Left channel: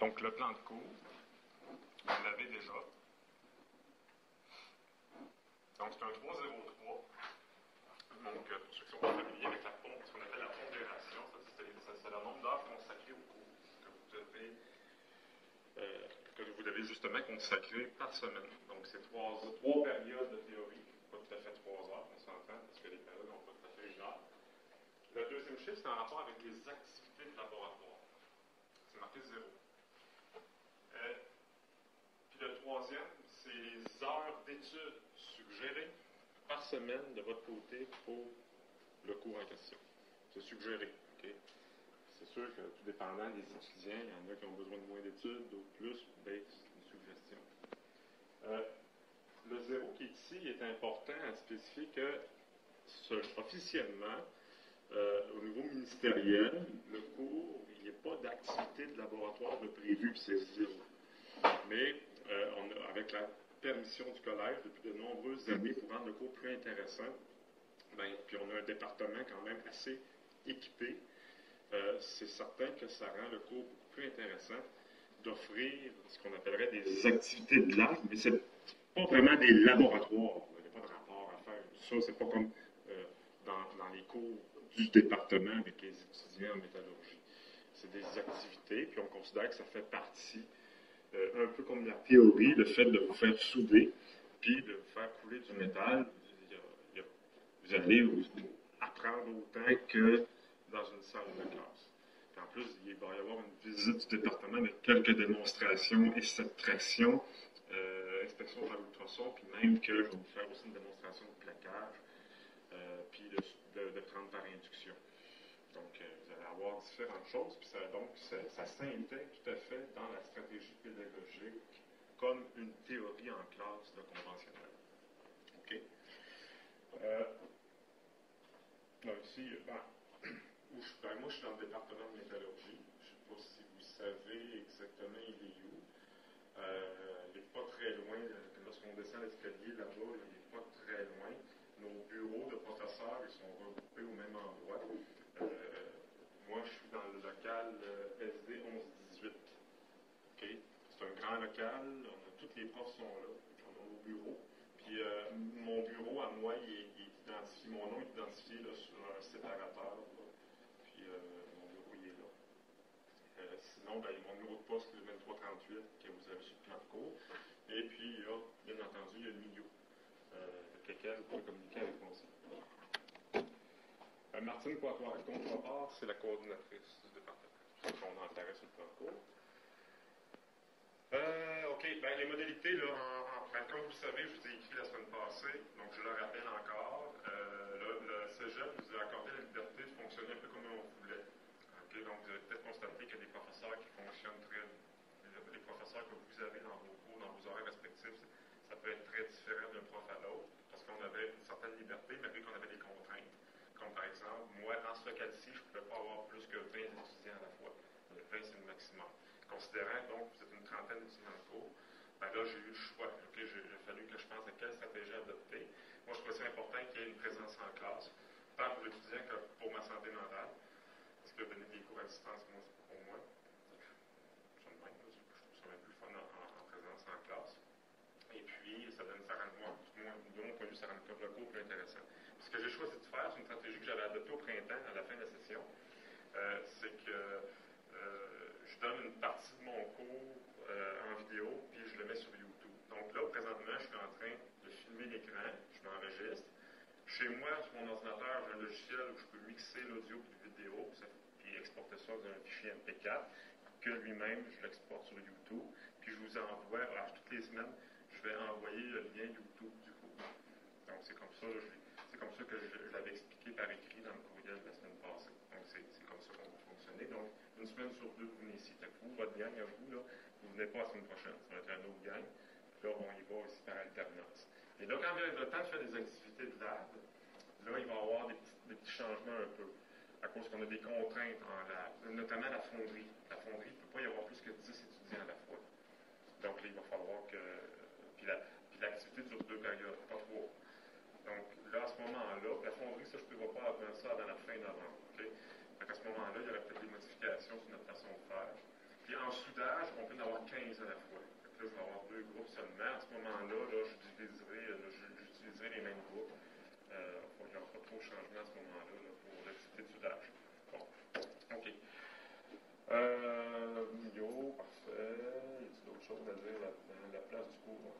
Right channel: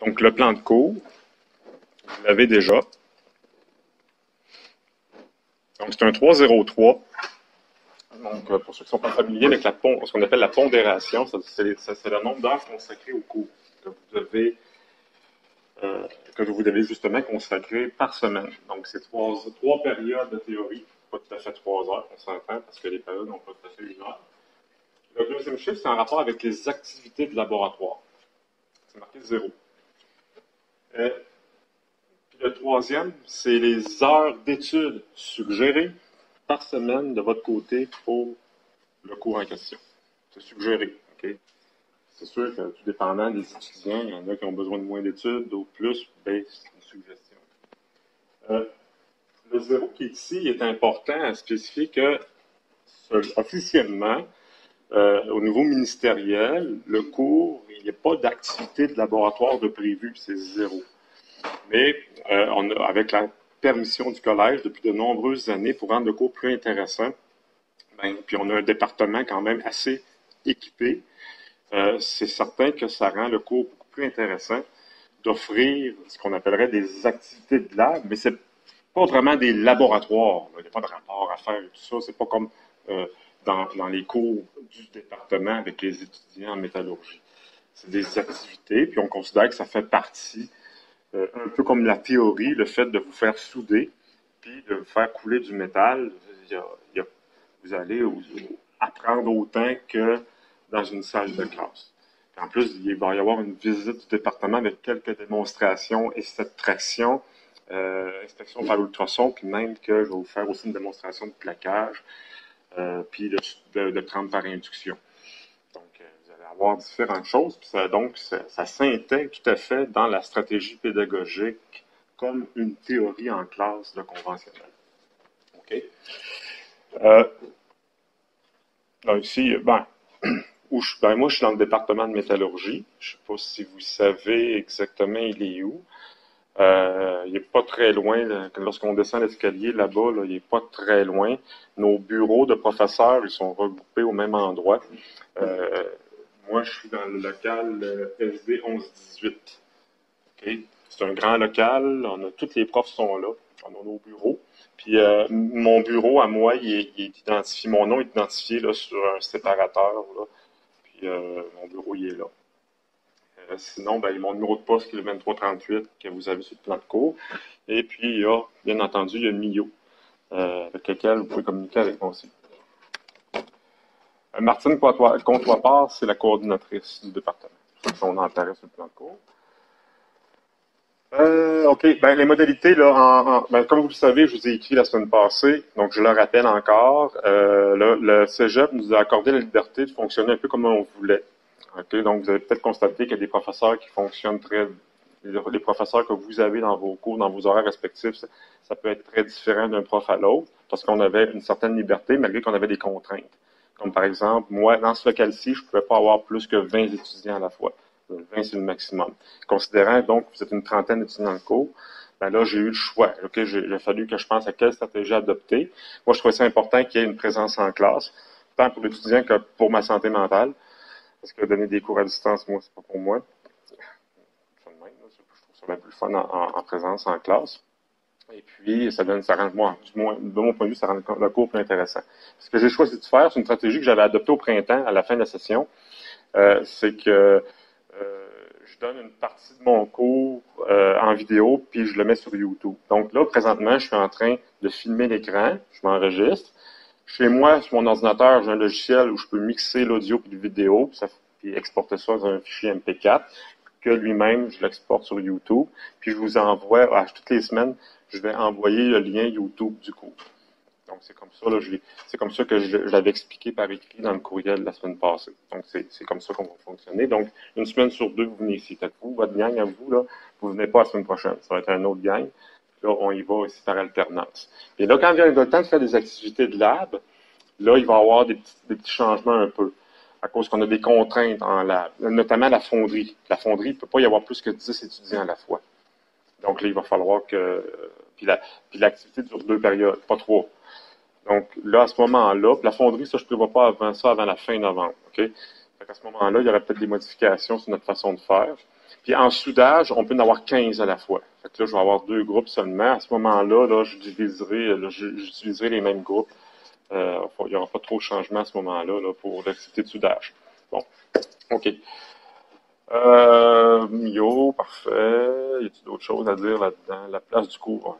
Donc, le plan de cours, vous l'avez déjà. Donc, c'est un 303. Donc, pour ceux qui ne sont pas familiers avec ce qu'on appelle la pondération, c'est le nombre d'heures consacrées au cours que vous devez justement consacrer par semaine. Donc, c'est trois périodes de théorie, pas tout à fait 3 heures, on s'entend, parce que les périodes n'ont pas tout à fait 1 heure. Le deuxième chiffre, c'est en rapport avec les activités de laboratoire. C'est marqué 0. Puis le troisième, c'est les heures d'études suggérées par semaine de votre côté pour le cours en question. C'est suggéré. Okay? C'est sûr que tout dépendant des étudiants, il y en a qui ont besoin de moins d'études, d'autres plus, ben, c'est une suggestion. Le 0 qui est ici est important à spécifier que officiellement, au niveau ministériel, le cours, il n'y a pas d'activité de laboratoire de prévu, c'est 0. Mais avec la permission du collège depuis de nombreuses années pour rendre le cours plus intéressant, puis on a un département quand même assez équipé, c'est certain que ça rend le cours beaucoup plus intéressant d'offrir ce qu'on appellerait des activités de lab, mais c'est pas vraiment des laboratoires. Il n'y a pas de rapport à faire et tout ça. C'est pas comme dans les cours du département avec les étudiants en métallurgie. C'est des activités, puis on considère que ça fait partie, un peu comme la théorie, le fait de vous faire souder, puis de vous faire couler du métal. Vous allez apprendre autant que dans une salle de classe. Puis en plus, il va y avoir une visite du département avec quelques démonstrations et cette traction, inspection par ultrason, puis même que je vais vous faire aussi une démonstration de plaquage, puis de trempe par induction. Donc, vous allez avoir différentes choses, puis ça s'intègre tout à fait dans la stratégie pédagogique comme une théorie en classe de conventionnel. OK? Donc ici, moi, je suis dans le département de métallurgie. Je ne sais pas si vous savez exactement il est où. Il n'est pas très loin. Lorsqu'on descend l'escalier là-bas, il n'est pas très loin. Nos bureaux de professeurs, ils sont regroupés au même endroit. Moi, je suis dans le local SD 1118. Okay? C'est un grand local. Tous les profs sont là. On a nos bureaux. Puis mon bureau, à moi, il est identifié. Mon nom est identifié là, sur un séparateur. Là. Puis mon bureau, il est là. Sinon, mon numéro de poste qui est le 2338 que vous avez sur le plan de cours. Et puis, bien entendu, il y a Mio, avec lequel vous pouvez communiquer avec moi aussi. Martine Comtois-Part, c'est la coordinatrice du département. On en apparaît sur le plan de cours. OK. Les modalités, là, comme vous le savez, je vous ai écrit la semaine passée, donc je le rappelle encore. Le Cégep nous a accordé la liberté de fonctionner un peu comme on voulait. Okay? Donc, vous avez peut-être constaté qu'il y a des professeurs qui fonctionnent les professeurs que vous avez dans vos cours, dans vos horaires respectifs, ça peut être très différent d'un prof à l'autre, parce qu'on avait une certaine liberté, malgré qu'on avait des contraintes. Comme par exemple, moi, dans ce local-ci, je ne pouvais pas avoir plus que 20 étudiants à la fois. 20, c'est le maximum. Considérant donc que vous êtes une trentaine d'étudiants dans le cours, là, j'ai eu le choix. Okay? Il a fallu que je pense à quelle stratégie adopter. Moi, je trouvais ça important qu'il y ait une présence en classe, tant pour l'étudiant que pour ma santé mentale. Parce que donner des cours à distance, moi, c'est pas pour moi. Je trouve ça bien plus fun en présence, en classe. Et puis, ça rend, moi, de mon point de vue, ça rend le cours plus intéressant. Ce que j'ai choisi de faire, c'est une stratégie que j'avais adoptée au printemps, à la fin de la session. C'est que je donne une partie de mon cours en vidéo, puis je le mets sur YouTube. Donc là, présentement, je suis en train de filmer l'écran, je m'enregistre. Chez moi, sur mon ordinateur, j'ai un logiciel où je peux mixer l'audio et la vidéo, puis exporter ça dans un fichier MP4, que lui-même, je l'exporte sur YouTube. Puis je vous envoie, toutes les semaines, je vais envoyer le lien YouTube du cours. Donc, c'est comme ça, là, c'est comme ça que je l'avais expliqué par écrit dans le courriel de la semaine passée. Donc, c'est comme ça qu'on va fonctionner. Donc, une semaine sur deux, vous venez ici. Peut-être vous, votre gang à vous, là, vous venez pas la semaine prochaine. Ça va être un autre gang. Là, on y va aussi par alternance. Et là, quand vient le temps de faire des activités de lab, là, il va y avoir des petits changements un peu, à cause qu'on a des contraintes en lab, notamment la fonderie. La fonderie, il ne peut pas y avoir plus que 10 étudiants à la fois. Donc là, il va falloir que... Puis l'activité dure 2 périodes, pas 3. Donc là, à ce moment-là, la fonderie, ça, je ne prévois pas avant la fin novembre. Okay? À ce moment-là, il y aurait peut-être des modifications sur notre façon de faire. Puis en soudage, on peut en avoir 15 à la fois. Fait que là, je vais avoir 2 groupes seulement. À ce moment-là, là, j'utiliserai les mêmes groupes. Il n'y aura pas trop de changement à ce moment-là là, pour l'activité de soudage. Bon, OK. Parfait. Y a-t-il d'autres choses à dire là-dedans? La place du cours.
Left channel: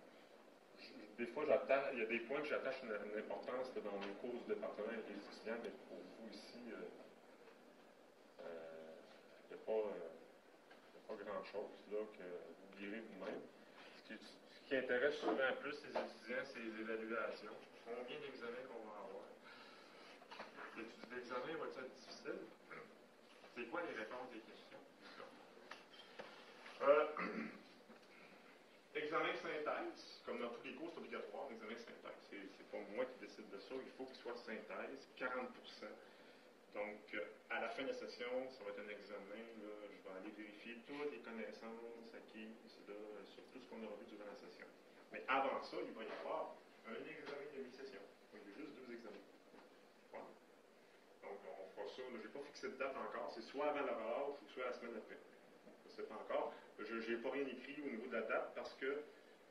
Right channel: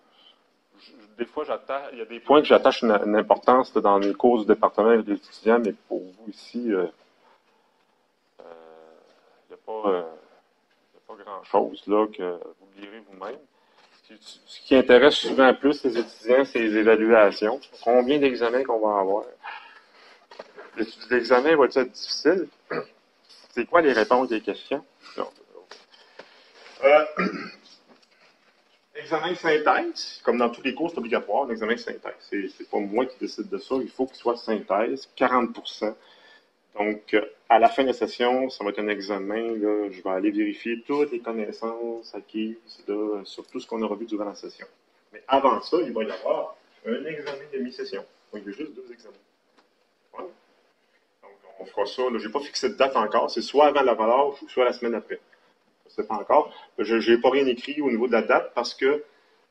Des fois, il y a des points que j'attache une importance dans les cours du département avec les étudiants, mais pour vous ici, il n'y a pas grand-chose là que vous lirez vous-même. Ce qui intéresse souvent plus les étudiants, c'est les évaluations. Combien d'examens qu'on va avoir? L'examen va être difficile? C'est quoi les réponses des questions? Examen de synthèse, comme dans tous les cours, c'est obligatoire, l'examen de synthèse. C'est pas moi qui décide de ça, il faut qu'il soit synthèse, 40%. Donc, à la fin de la session, ça va être un examen, là, je vais aller vérifier toutes les connaissances acquises là, sur tout ce qu'on aura vu durant la session. Mais avant ça, il va y avoir un examen de mi-session. Donc, il y a juste 2 examens. Voilà. Donc, on fera ça. Je n'ai pas fixé de date encore. C'est soit avant la relâche ou soit la semaine après. Je ne sais pas encore. Je n'ai pas rien écrit au niveau de la date parce que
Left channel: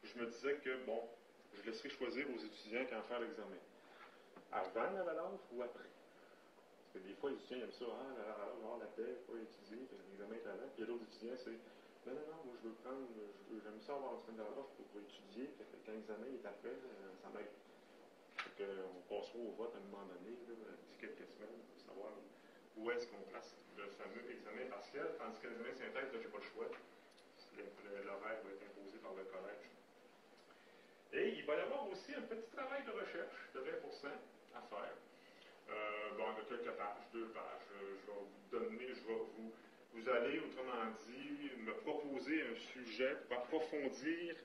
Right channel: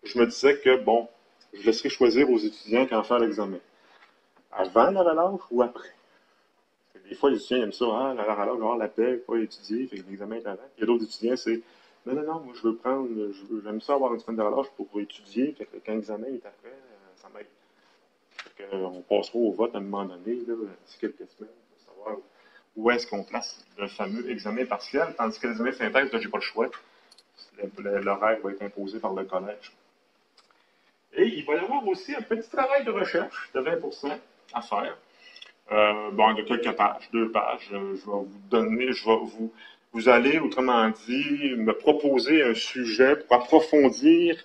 je me disais que, bon, je laisserai choisir aux étudiants quand faire l'examen. Avant la relâche ou après. Des fois, les étudiants aiment ça. Ah, la relâche, je vais avoir la paix, pas étudier, fait que l'examen est avant. Il y a d'autres étudiants, c'est non, moi, je veux prendre, j'aime ça avoir une semaine de relâche pour étudier, fait que quand l'examen est après, ça m'aide. On passera au vote à un moment donné, là, d'ici quelques semaines, pour savoir où est-ce qu'on place le fameux examen partiel, tandis que l'examen synthèse, là, j'ai pas le choix. L'horaire va être imposé par le collège. Et il va y avoir aussi un petit travail de recherche de 20% à faire. De quelques pages, 2 pages. Je vais vous donner, vous allez, autrement dit, me proposer un sujet pour approfondir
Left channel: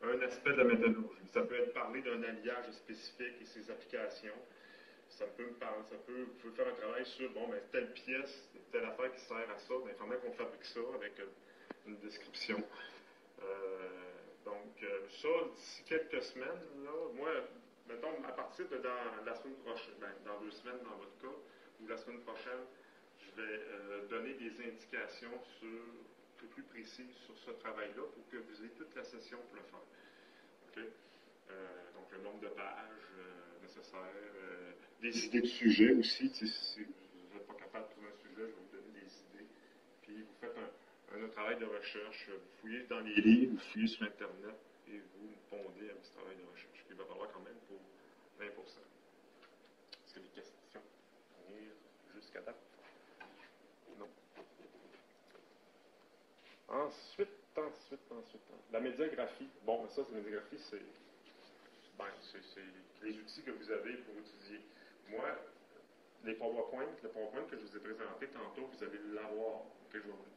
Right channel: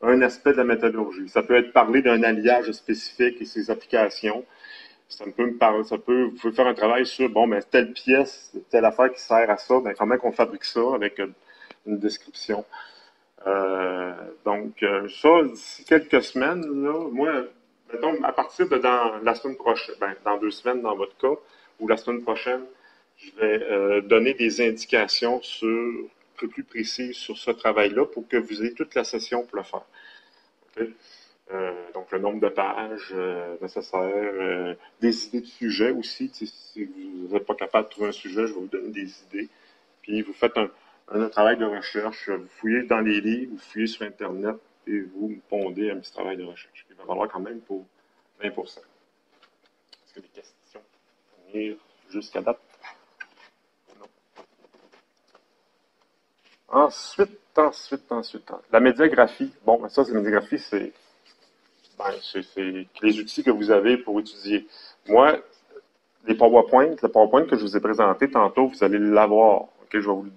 un aspect de la métallurgie. Ça peut être parler d'un alliage spécifique et ses applications. Vous pouvez faire un travail sur, telle pièce, telle affaire qui sert à ça, comment on fabrique ça avec une description. Ça, d'ici quelques semaines, là, moi, mettons, à partir de dans la semaine prochaine, dans 2 semaines dans votre cas, ou la semaine prochaine, je vais donner des indications un peu plus précises sur ce travail-là pour que vous ayez toute la session pour le faire. Okay? Donc, le nombre de pages nécessaires, des idées de sujets aussi. Si vous n'êtes pas capable de trouver un sujet, je vais vous donner des idées. Puis, vous faites un travail de recherche. Vous fouillez dans les livres, vous fouillez sur Internet et vous me pondez un petit travail de recherche. Il va falloir quand même pour 20%. Est-ce qu'il y a des questions à venir jusqu'à date? Non. Ensuite. La médiagraphie. Bon, ça, la médiagraphie, c'est les outils que vous avez pour étudier. Moi, le PowerPoint que je vous ai présenté tantôt, vous allez l'avoir. Okay? Je vais vous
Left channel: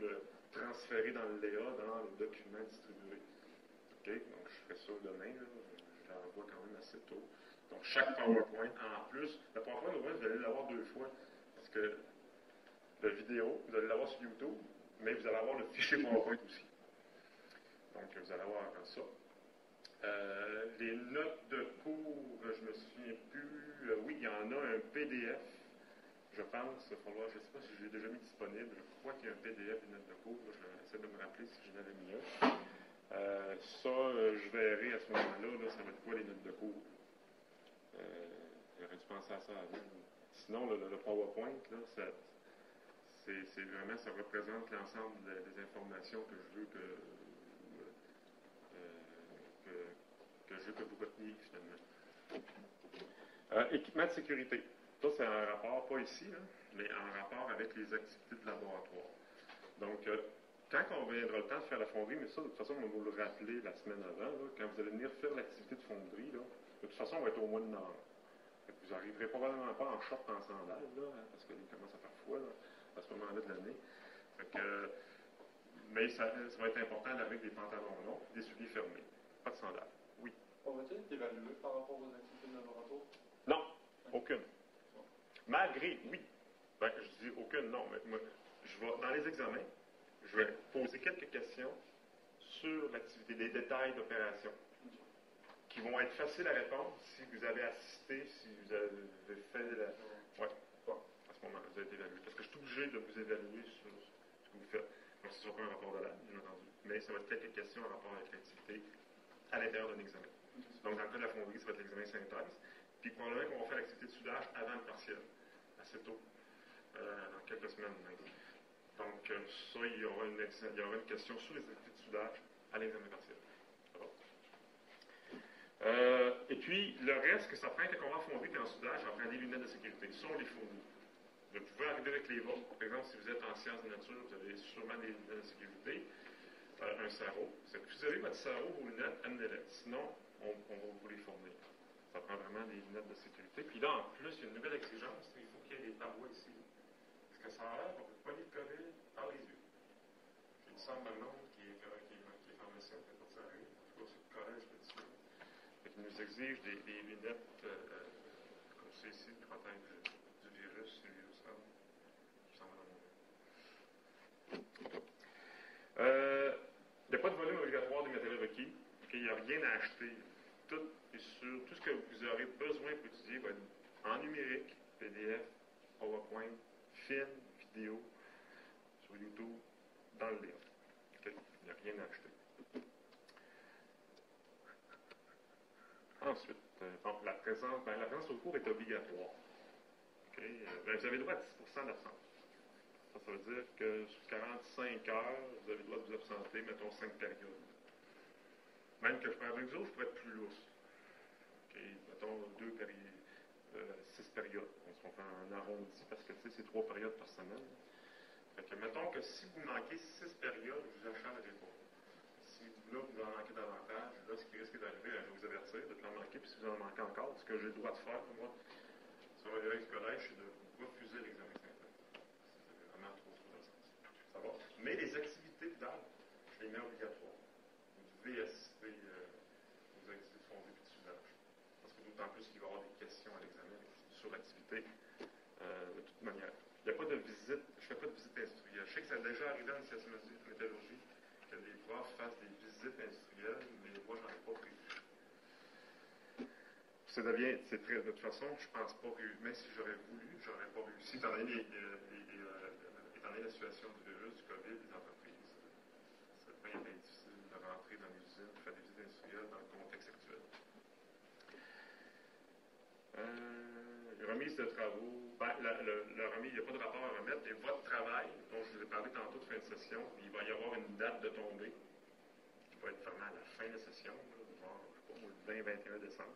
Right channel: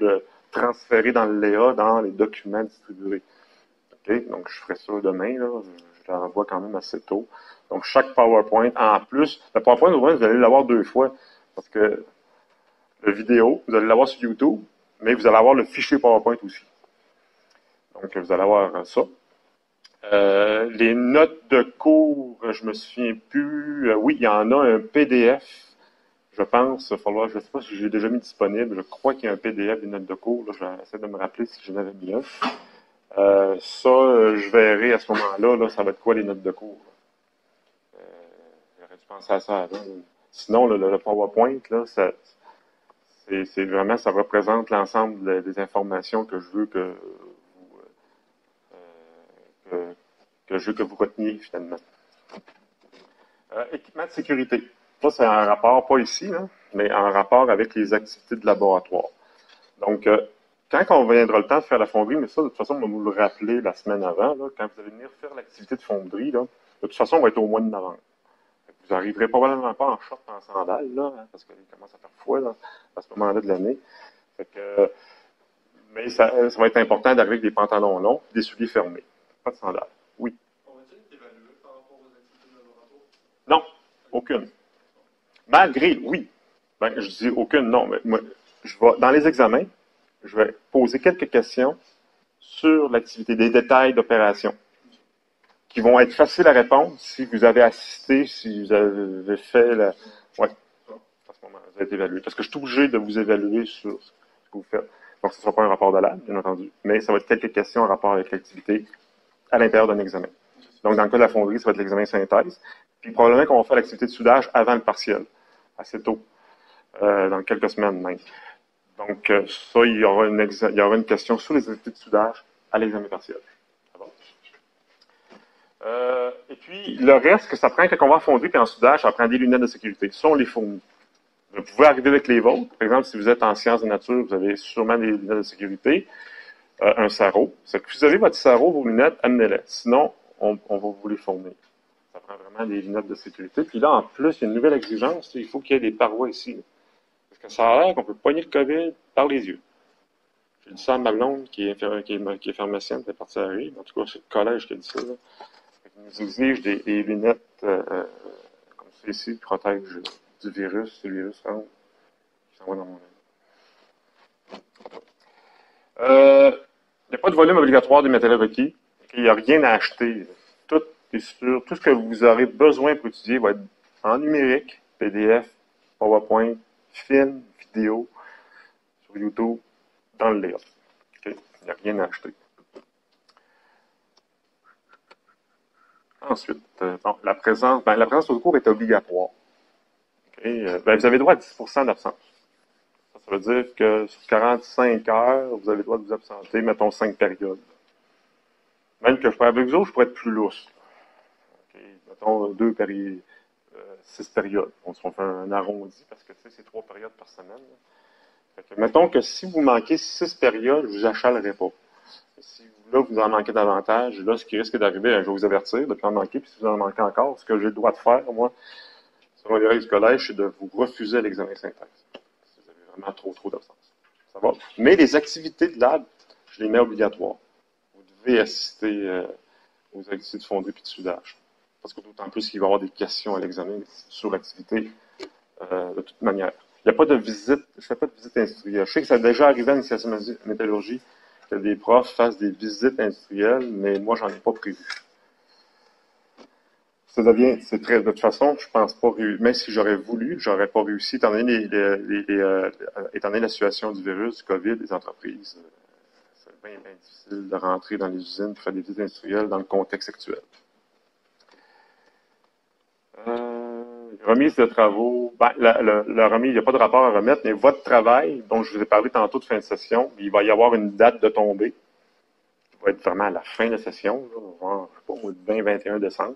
le transférer dans le Léa, dans les documents distribués. Okay? Donc, je ferai ça demain. Là. Je l'envoie quand même assez tôt. Donc, chaque PowerPoint, en plus, le PowerPoint, vous allez l'avoir 2 fois. Parce que la vidéo, vous allez l'avoir sur YouTube, mais vous allez avoir le fichier PowerPoint aussi. Donc, vous allez avoir ça. Les notes de cours, je me souviens plus. Oui, il y en a un PDF, je pense. Je ne sais pas si j'ai déjà mis disponible. Je crois qu'il y a un PDF des notes de cours. Là, je vais essayer de me rappeler si j'en avais mis un. Je verrai à ce moment-là, là, ça va être quoi les notes de cours. J'aurais dû penser à ça avant. Sinon, le PowerPoint, là, c'est vraiment, ça représente l'ensemble des informations que je veux que vous reteniez, finalement. Équipement de sécurité. Ça, c'est un rapport, pas ici, là, mais en rapport avec les activités de laboratoire. Donc, quand on viendra le temps de faire la fonderie, mais ça, de toute façon, on va vous le rappeler la semaine avant, là, quand vous allez venir faire l'activité de fonderie, là, de toute façon, on va être au mois de novembre. Vous n'arriverez probablement pas en short, en sandales, là, parce qu'il commence à faire froid là, à ce moment-là de l'année. Mais ça va être important d'arriver avec des pantalons longs et des souliers fermés. Pas de sandales. Oui. On va-t-il t'évaluer par rapport aux activités de laboratoire? Non, aucune. Malgré, oui. Je dis aucune, non. Mais moi, dans les examens, je vais poser quelques questions sur l'activité, des détails d'opération, qui vont être faciles à répondre si vous avez assisté, si vous avez fait la... Oui, à ce moment-là, vous êtes évalué. Parce que je suis obligé de vous évaluer sur que vous faites. Donc, ce ne sera pas un rapport de lab, bien entendu, mais ça va être quelques questions en rapport avec l'activité à l'intérieur d'un examen. Donc, dans le cas de la fonderie, ça va être l'examen synthèse. Puis, probablement qu'on va faire l'activité de soudage avant le partiel, assez tôt, dans quelques semaines même. Donc, ça, il y aura une question sur les activités de soudage à l'examen partiel. Et puis, le reste que ça prend quand on va en fonderie et en soudage, ça prend des lunettes de sécurité. Ça, on les fournit. Vous pouvez arriver avec les vôtres. Par exemple, si vous êtes en sciences de nature, vous avez sûrement des lunettes de sécurité, un sarrau. Si vous avez votre sarrau, vos lunettes, amenez-les. Sinon, on va vous les fournir. Ça prend vraiment des lunettes de sécurité. Puis là, en plus, il y a une nouvelle exigence. Il faut qu'il y ait des parois ici. Là. Parce que ça a l'air qu'on peut poigner le COVID par les yeux. J'ai dit ça à ma blonde, qui est pharmacienne, qui est partie à la rive. En tout cas, c'est le collège qui a dit ça. Là. Ils nous exigent des lunettes comme ça ici, qui protègent du virus. Si le virus rentre, ça va dans mon œil. Il n'y a pas de volume obligatoire des matériels requis. Il n'y a rien à acheter. Tout est sûr. Tout ce que vous aurez besoin pour étudier va être en numérique, PDF, PowerPoint, film, vidéo, sur YouTube, dans le livre. Okay? Il n'y a rien à acheter. Ensuite, la présence au cours est obligatoire. Okay? Vous avez droit à 10% d'absence. Ça veut dire que sur 45 heures, vous avez le droit de vous absenter, mettons 5 périodes. Même que je pourrais avec vous autres, je pourrais être plus lousse. Okay? Mettons 6 périodes. On se fait un arrondi parce que c'est 3 périodes par semaine. Mettons que si vous manquez 6 périodes, je ne vous achalerai pas. Si là, vous en manquez davantage, là, ce qui risque d'arriver, je vais vous avertir de ne pas en manquer, puis si vous en manquez encore, ce que j'ai le droit de faire, moi, selon les règles du collège, c'est de vous refuser l'examen synthèse. Si vous avez vraiment trop d'absence. Ça va? Mais les activités de lab, je les mets obligatoires. Vous devez assister aux activités de fonderie et de soudage. Parce que d'autant plus qu'il va y avoir des questions à l'examen sur l'activité de toute manière. Il n'y a pas de visite, je ne fais pas de visite industrielle. Je sais que ça a déjà arrivé à l'initiation métallurgie que des profs fassent des visites industrielles, mais moi, j'en ai pas prévu. De toute façon, je pense pas, même si j'aurais voulu, j'aurais pas réussi, étant donné la situation du virus, du COVID, des entreprises. C'est bien difficile de rentrer dans les usines pour faire des visites industrielles dans le contexte actuel. Remise de travaux. La remise, il n'y a pas de rapport à remettre, mais votre travail, dont je vous ai parlé tantôt de fin de session, il va y avoir une date de tombée. Il va être vraiment à la fin de la session, là, genre, je sais pas, le 20-21 décembre.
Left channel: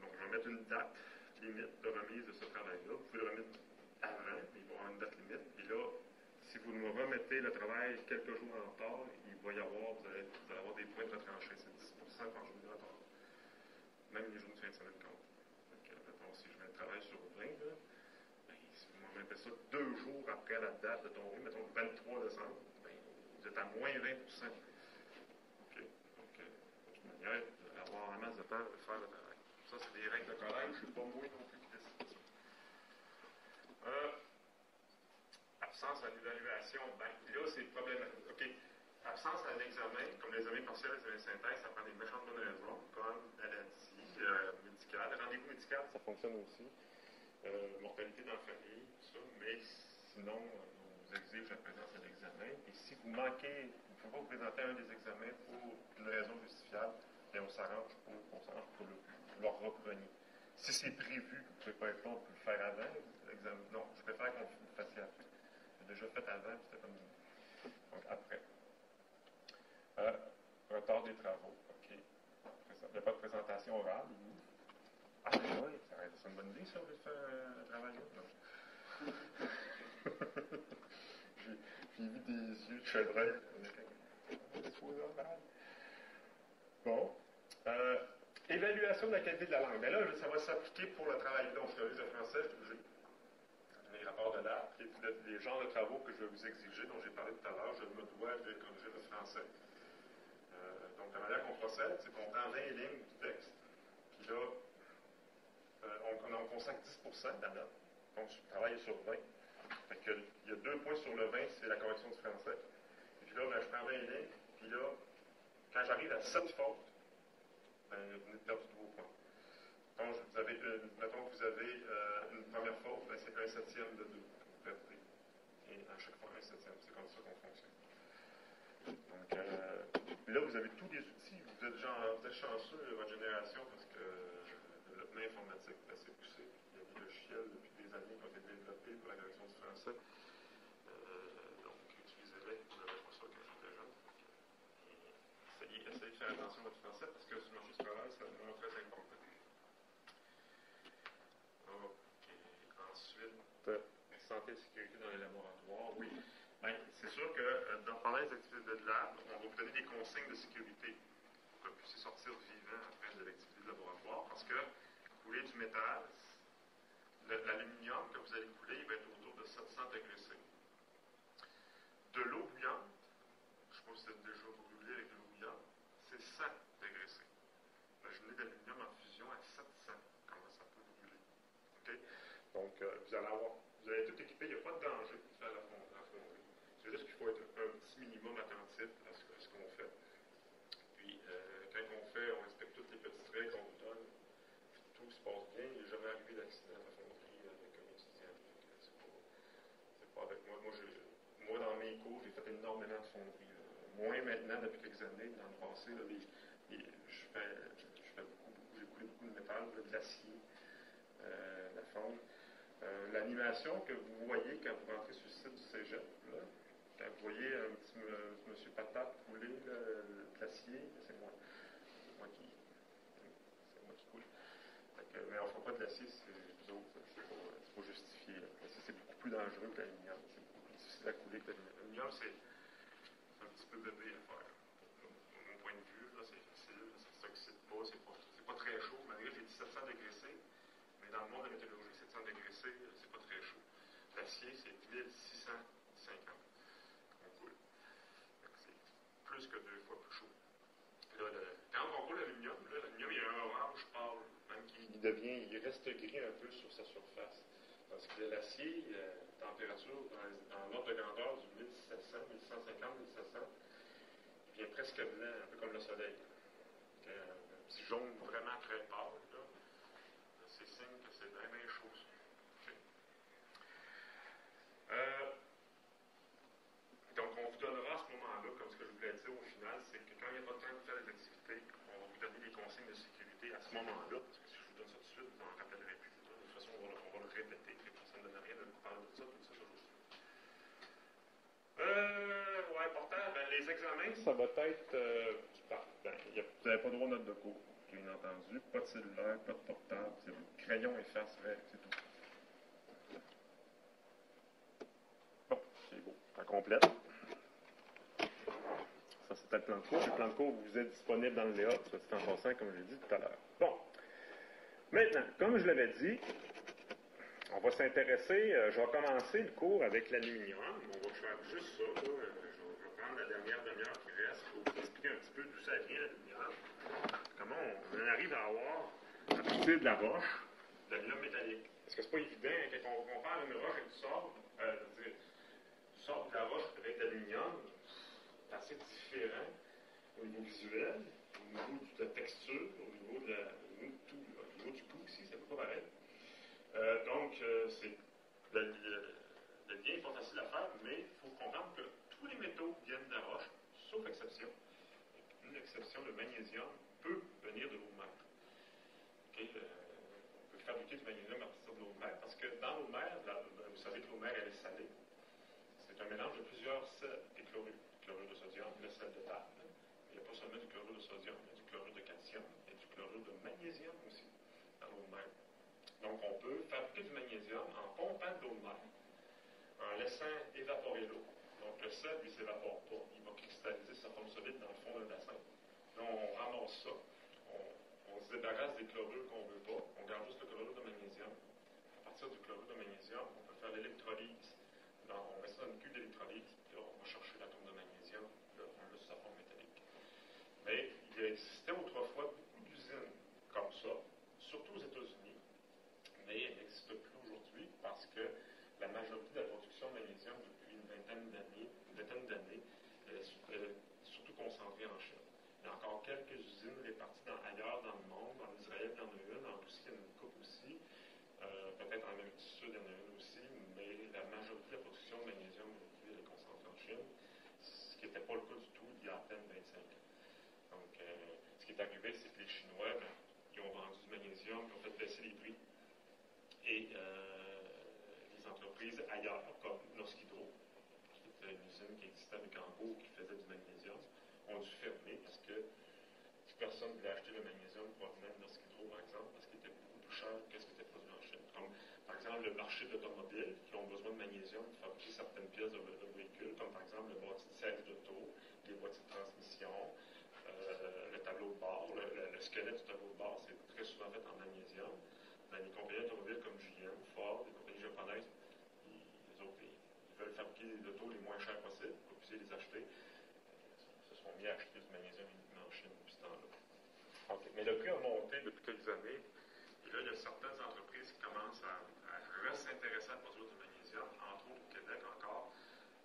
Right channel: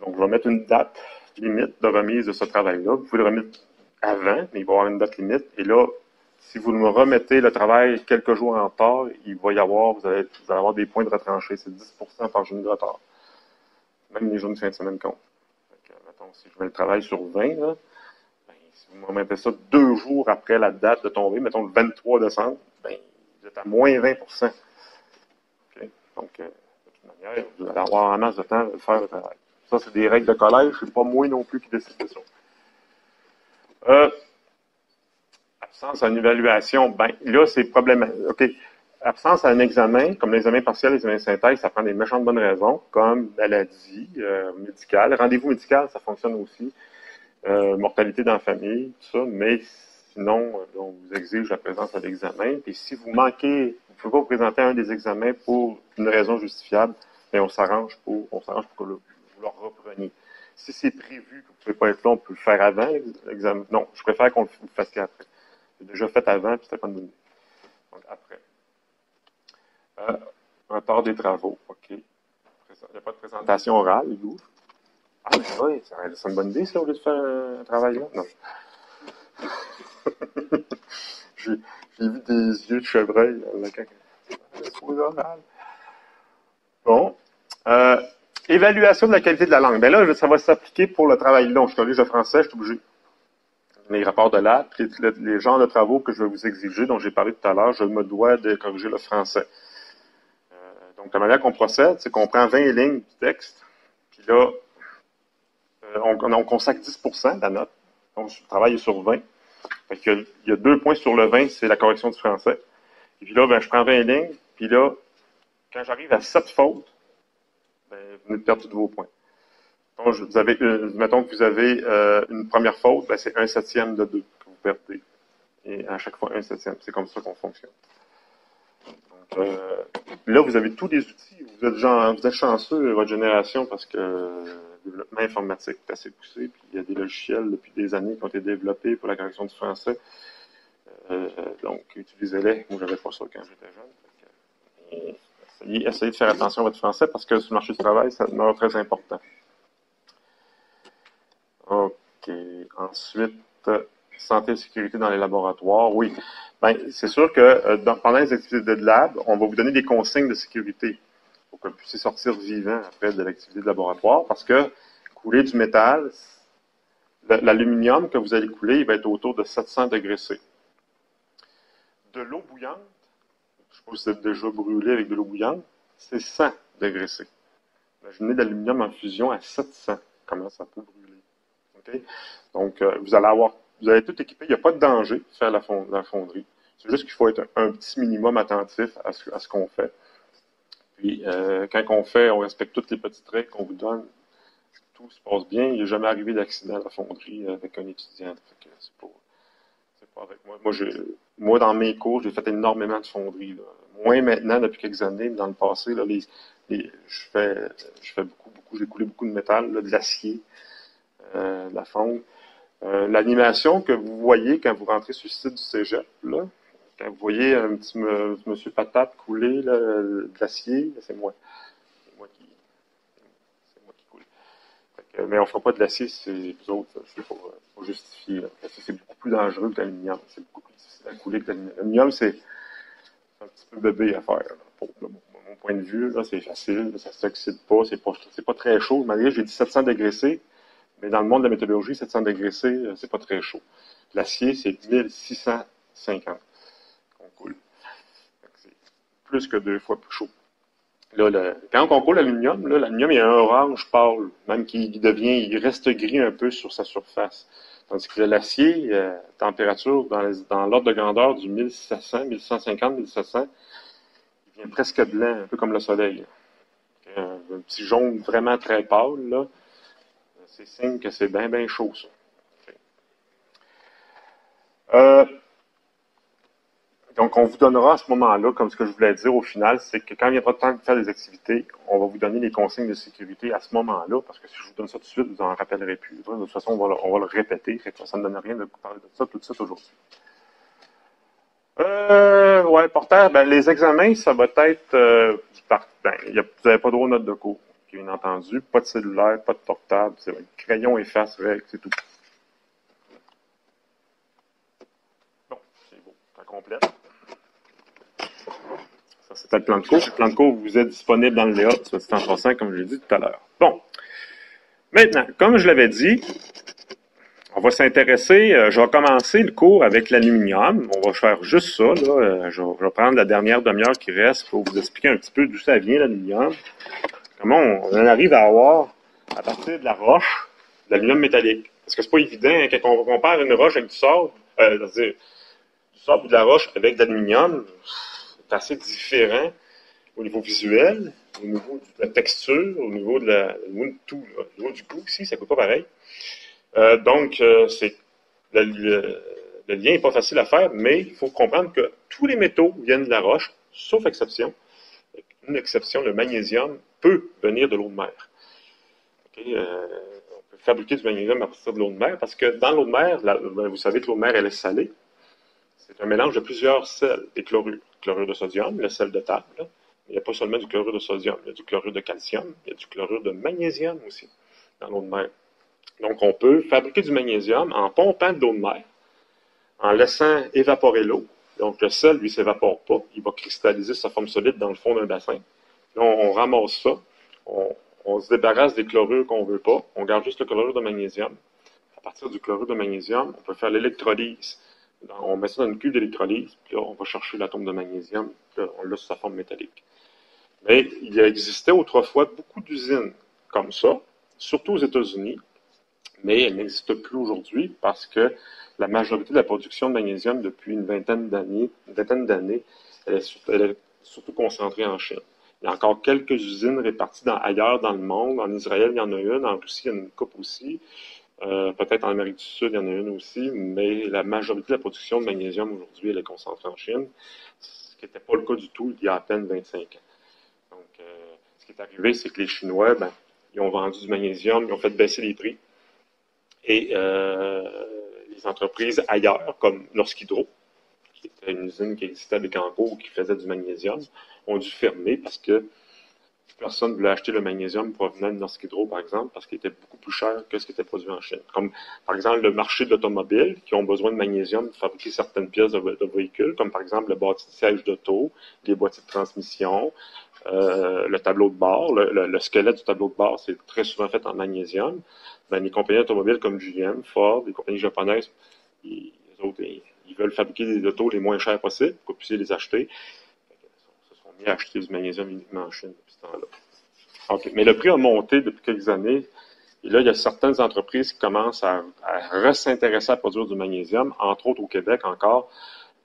Donc, je vais mettre une date limite de remise de ce travail-là. Vous pouvez le remettre avant, mais il va y avoir une date limite. Et là, si vous me remettez le travail quelques jours en retard, il va y avoir, vous allez avoir des points de retranchés. C'est 10% par journée de retard. Même les journées de fin de semaine comptent. Donc, si je mets le travail sur 20, là, si vous me remettez ça 2 jours après la date de tombée, mettons le 23 décembre, vous êtes à moins 20%. Okay? Donc, de toute manière, vous allez avoir en masse de temps de faire le travail. Ça, c'est des règles de collège, c'est pas moi non plus qui décide de ça. Absence à une évaluation, là, c'est problématique. OK. Absence à un examen, comme l'examen partiel, l'examen synthèse, ça prend des méchantes bonnes raisons, comme maladie médicale. Rendez-vous médical, ça fonctionne aussi. Mortalité dans la famille, tout ça, mais sinon, on vous exige la présence à l'examen. Et si vous manquez, vous ne pouvez pas vous présenter à un des examens pour une raison justifiable, mais on s'arrange pour que vous le repreniez. Si c'est prévu que vous ne pouvez pas être là, on peut le faire avant l'examen. Non, je préfère qu'on le fasse après. C'est déjà fait avant, puis c'était pas de minute. Donc, après. Retard des travaux, OK. Il n'y a pas de présentation orale, Hugo. Ah, mais oui, c'est une bonne idée, ça, au lieu de faire un travail là. Non. J'ai vu des yeux de chevreuil. Bon. Évaluation de la qualité de la langue. Là, ça va s'appliquer pour le travail long. Je suis collège de français, je suis obligé. Les rapports de lab, les genres de travaux que je vais vous exiger, dont j'ai parlé tout à l'heure, je me dois de corriger le français. Donc, la manière qu'on procède, c'est qu'on prend 20 lignes du texte, puis là, on consacre 10% de la note. Donc, le travail est sur 20. Fait qu'il y a 2 points sur le 20, c'est la correction du français. Et puis là, je prends 20 lignes, puis là, quand j'arrive à 7 fautes, vous venez de perdre tous vos points. Donc, mettons que vous avez une première faute, c'est 1/7 de 2 que vous perdez. et à chaque fois 1/7. C'est comme ça qu'on fonctionne. Donc, là, vous avez tous les outils. Vous êtes chanceux, votre génération, parce que le développement informatique est assez poussé. Puis il y a des logiciels depuis des années qui ont été développés pour la correction du français. Donc, utilisez-les. Moi, je n'avais pas ça quand j'étais jeune. Essayez de faire attention à votre français parce que sur le marché du travail, ça demeure très important. OK. Ensuite, santé et sécurité dans les laboratoires. Oui. Bien, c'est sûr que pendant les activités de lab, on va vous donner des consignes de sécurité pour que vous puissiez sortir vivant après de l'activité de laboratoire parce que couler du métal, l'aluminium que vous allez couler, il va être autour de 700 degrés C. De l'eau bouillante, je ne sais pas si vous êtes déjà brûlé avec de l'eau bouillante, c'est 100 degrés C. Imaginez de l'aluminium en fusion à 700. Comment ça peut brûler? Okay? Donc, vous allez tout équiper. Il n'y a pas de danger de faire la fonderie. C'est juste qu'il faut être un petit minimum attentif à ce qu'on fait. Puis, quand on fait, on respecte toutes les petites règles qu'on vous donne. Tout se passe bien. Il n'est jamais arrivé d'accident à la fonderie avec un étudiant. C'est pas avec moi. Moi, dans mes cours, j'ai fait énormément de fonderies. Là. Moins maintenant, depuis quelques années, mais dans le passé, là, je fais beaucoup, j'ai coulé beaucoup de métal, là, de l'acier, de la fonte. L'animation que vous voyez quand vous rentrez sur le site du cégep, là, quand vous voyez un petit monsieur patate couler là, de l'acier, c'est moi. C'est moi qui coule. Mais on ne fera pas de l'acier, c'est vous autres, c'est pas justifié. C'est beaucoup plus dangereux que l'aluminium. C'est beaucoup plus difficile à couler que l'aluminium. L'aluminium, c'est un petit peu bébé à faire. Pour mon point de vue, c'est facile, ça ne s'oxyde pas, c'est pas très chaud. Malgré j'ai dit 700 degrés C, mais dans le monde de la métallurgie, 700 degrés C, c'est pas très chaud. L'acier, c'est 1650 qu'on coule. C'est plus que 2 fois plus chaud. Là, quand on coule l'aluminium, l'aluminium il a un orange pâle, même il reste gris un peu sur sa surface. Tandis que l'acier, température dans l'ordre de grandeur du 1700, 1150, 1700, il devient presque blanc, un peu comme le soleil. Un petit jaune vraiment très pâle, là, c'est signe que c'est bien, bien chaud, ça. Donc, on vous donnera à ce moment-là, comme ce que je voulais dire au final, c'est que quand il viendra le temps de faire des activités, on va vous donner les consignes de sécurité à ce moment-là, parce que si je vous donne ça tout de suite, vous n'en rappellerez plus. De toute façon, on va le répéter, ça ne donne rien de vous parler de ça tout de suite aujourd'hui. Ouais, important. Ben, les examens, ça va être vous n'avez pas droit aux notes de cours, bien entendu. Pas de cellulaire, pas de portable, c'est crayon, efface, règle, c'est tout. Bon, c'est beau, ça complète. Ça, c'était le plan de cours. Le plan de cours vous êtes disponible dans le layout, soit dit en passant, comme je l'ai dit tout à l'heure. Bon. Maintenant, comme je l'avais dit, on va s'intéresser, je vais commencer le cours avec l'aluminium. On va faire juste ça, là. Je vais prendre la dernière demi-heure qui reste pour vous expliquer un petit peu d'où ça vient, l'aluminium. Comment on en arrive à avoir, à partir de la roche, de l'aluminium métallique. Parce que c'est pas évident, hein, quand on compare une roche avec du sable, c'est-à-dire du sable ou de la roche avec de l'aluminium, c'est assez différent au niveau visuel, au niveau de la texture, au niveau de tout. Là. Au niveau du goût aussi, ça ne coûte pas pareil. Donc, le lien n'est pas facile à faire, mais il faut comprendre que tous les métaux viennent de la roche, sauf exception. Une exception, le magnésium peut venir de l'eau de mer. Okay? On peut fabriquer du magnésium à partir de l'eau de mer parce que dans l'eau de mer, vous savez que l'eau de mer, elle est salée. C'est un mélange de plusieurs sels et chlorures. Chlorure de sodium, le sel de table. Là. Il n'y a pas seulement du chlorure de sodium, il y a du chlorure de calcium, il y a du chlorure de magnésium aussi dans l'eau de mer. Donc, on peut fabriquer du magnésium en pompant de l'eau de mer, en laissant évaporer l'eau. Donc, le sel, lui, ne s'évapore pas. Il va cristalliser sa forme solide dans le fond d'un bassin. Là, on ramasse ça. On se débarrasse des chlorures qu'on ne veut pas. On garde juste le chlorure de magnésium. À partir du chlorure de magnésium, on peut faire l'électrolyse. On met ça dans une cuve d'électrolyse, puis là, on va chercher l'atome de magnésium, puis là, on l'a sous sa forme métallique. Mais il existait autrefois beaucoup d'usines comme ça, surtout aux États-Unis, mais elles n'existent plus aujourd'hui parce que la majorité de la production de magnésium depuis une vingtaine d'années, elle est surtout concentrée en Chine. Il y a encore quelques usines réparties ailleurs dans le monde. En Israël, il y en a une. En Russie, il y en a une couple aussi. Peut-être en Amérique du Sud, il y en a une aussi, mais la majorité de la production de magnésium aujourd'hui, elle est concentrée en Chine, ce qui n'était pas le cas du tout il y a à peine 25 ans. Donc, ce qui est arrivé, c'est que les Chinois, ben, ils ont vendu du magnésium, ils ont fait baisser les prix. Et les entreprises ailleurs, comme Norsk-Hydro, qui était une usine qui existait à Bécancour, qui faisait du magnésium, ont dû fermer parce que personne ne voulait acheter le magnésium provenant de Norsk-Hydro, par exemple, parce qu'il était beaucoup plus cher que ce qui était produit en Chine. Comme, par exemple, le marché de l'automobile, qui ont besoin de magnésium pour fabriquer certaines pièces de véhicules, comme par exemple le bâti de siège d'auto, les boîtiers de transmission, le tableau de bord, le squelette du tableau de bord, c'est très souvent fait en magnésium. Ben, les compagnies automobiles comme GM, Ford, les compagnies japonaises, ils veulent fabriquer des autos les moins chers possibles pour que vous puissiez les acheter. Ils se sont mis à acheter du magnésium uniquement en Chine depuis ce temps-là. Okay. Mais le prix a monté depuis quelques années. Et là, il y a certaines entreprises qui commencent à s'intéresser à produire du magnésium, entre autres au Québec encore,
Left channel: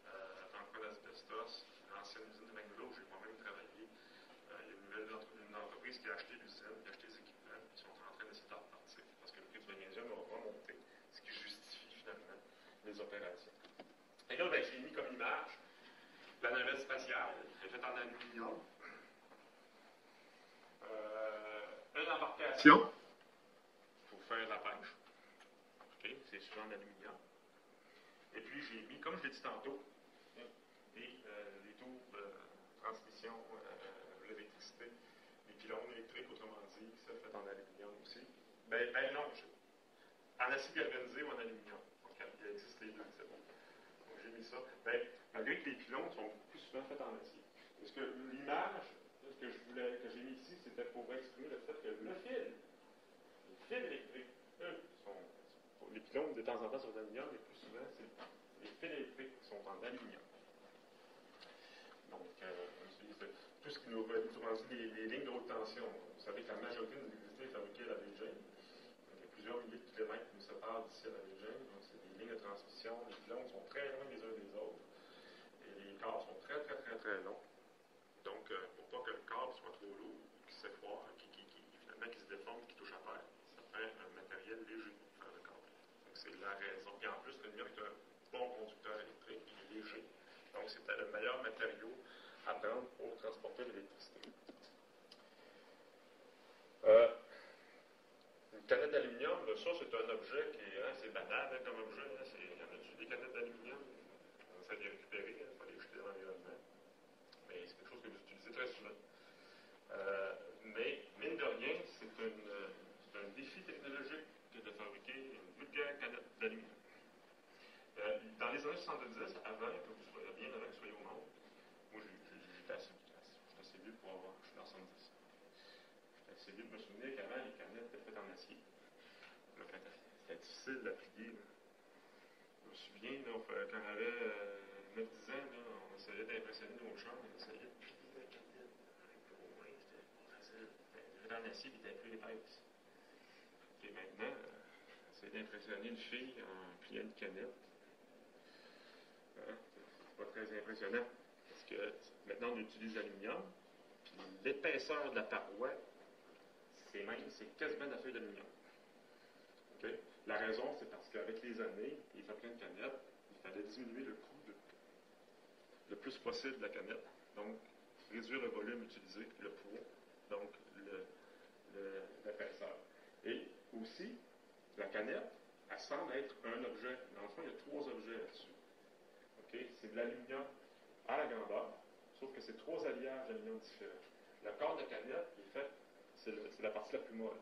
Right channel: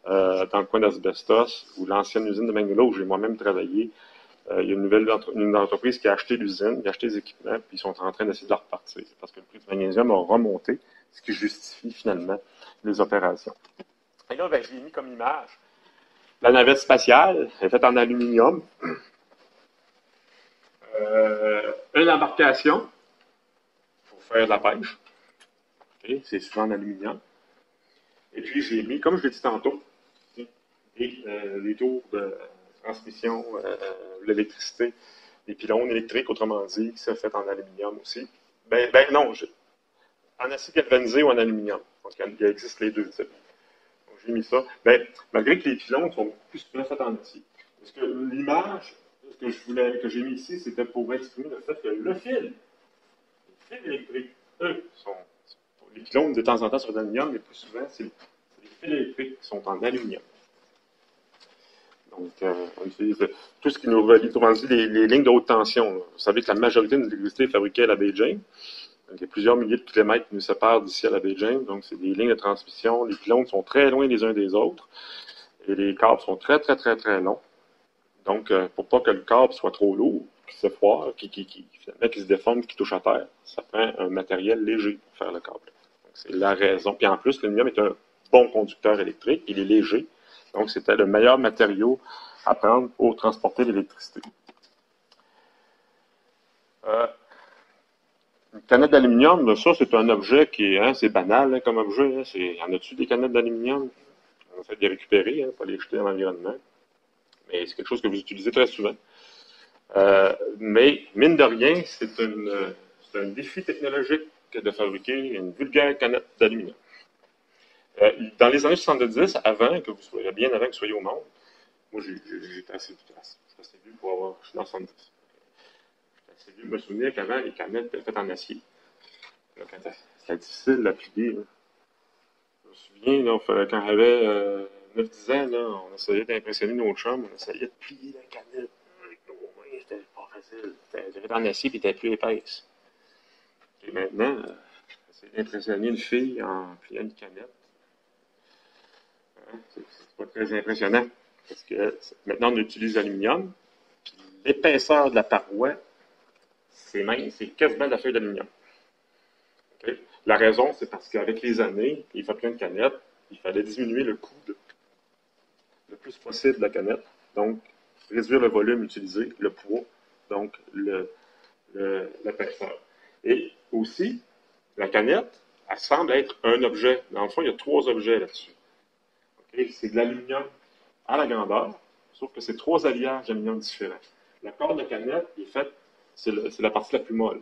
dans le coin d'Asbestos, où l'ancienne usine de Magnolia, où j'ai moi-même travaillé, il y a une entreprise qui a acheté l'usine, qui a acheté les équipements, puis ils sont en train d'essayer de la repartir. Parce que le prix du magnésium a remonté, ce qui justifie finalement les opérations. Et là, ben, j'ai mis comme image la navette spatiale, elle est faite en aluminium. Une embarcation pour faire de la pêche. Okay, c'est souvent en aluminium. Et puis, j'ai mis, comme je l'ai dit tantôt, les tours de transmission, l'électricité, les pylônes électriques, autrement dit, c'est fait en aluminium aussi. Ben non, en acier galvanisé ou en aluminium. Donc, il existe les deux types. Donc, j'ai mis ça. Ben, malgré que les pylônes sont plus souvent faits en acier. Parce que l'image que j'ai mis ici, c'était pour exprimer le fait que le fil électrique, eux, les pylônes de temps en temps sont d'aluminium, mais plus souvent, c'est les fils électriques qui sont en aluminium. Donc, on utilise tout ce qui nous relie, autrement dit, les lignes de haute tension. Vous savez que la majorité de l'électricité est fabriquée à la baie James. Donc, il y a plusieurs milliers de kilomètres qui nous séparent d'ici à la baie James. Donc, c'est des lignes de transmission. Les pylônes sont très loin les uns des autres. Et les câbles sont très, très, très, très longs. Donc, pour pas que le câble soit trop lourd, qui se foire, qui se déforme, qui touche à terre, ça prend un matériel léger pour faire le câble. C'est la raison. Puis en plus, l'aluminium est un bon conducteur électrique. Il est léger. Donc, c'était le meilleur matériau à prendre pour transporter l'électricité. Une canette d'aluminium, ça, c'est un objet qui est, c'est banal comme objet. Y en a-tu des canettes d'aluminium? On essaie de les récupérer, pas les jeter dans l'environnement. Mais c'est quelque chose que vous utilisez très souvent. Mais, mine de rien, c'est un défi technologique de fabriquer une vulgaire canette d'aluminium. Dans les années 70, bien avant que vous soyez au monde, moi j'étais assez vieux pour avoir, je suis dans 70. J'étais assez vieux de me souvenir qu'avant, les canettes étaient faites en acier. C'était difficile à plier. Là. Je me souviens, là, quand j'avais 9-10 ans, là, on essayait d'impressionner nos chums, on essayait de plier la canette. C'était pas facile. C'était en acier et était plus épaisse. Et maintenant, j'essaie d'impressionner une fille en pliant une canette. C'est pas très impressionnant. Parce que maintenant, on utilise l'aluminium. L'épaisseur de la paroi, c'est quasiment de la feuille d'aluminium. Okay? La raison, c'est parce qu'avec les années, il fait plein de canettes, il fallait diminuer le coût le plus possible de la canette. Donc, réduire le volume utilisé, le poids, donc l'épaisseur. Et aussi, la canette, elle semble être un objet. Dans le fond, il y a 3 objets là-dessus. Okay? C'est de l'aluminium à la grandeur, sauf que c'est 3 alliages d'aluminium différents. La corde de canette est faite, c'est la partie la plus molle.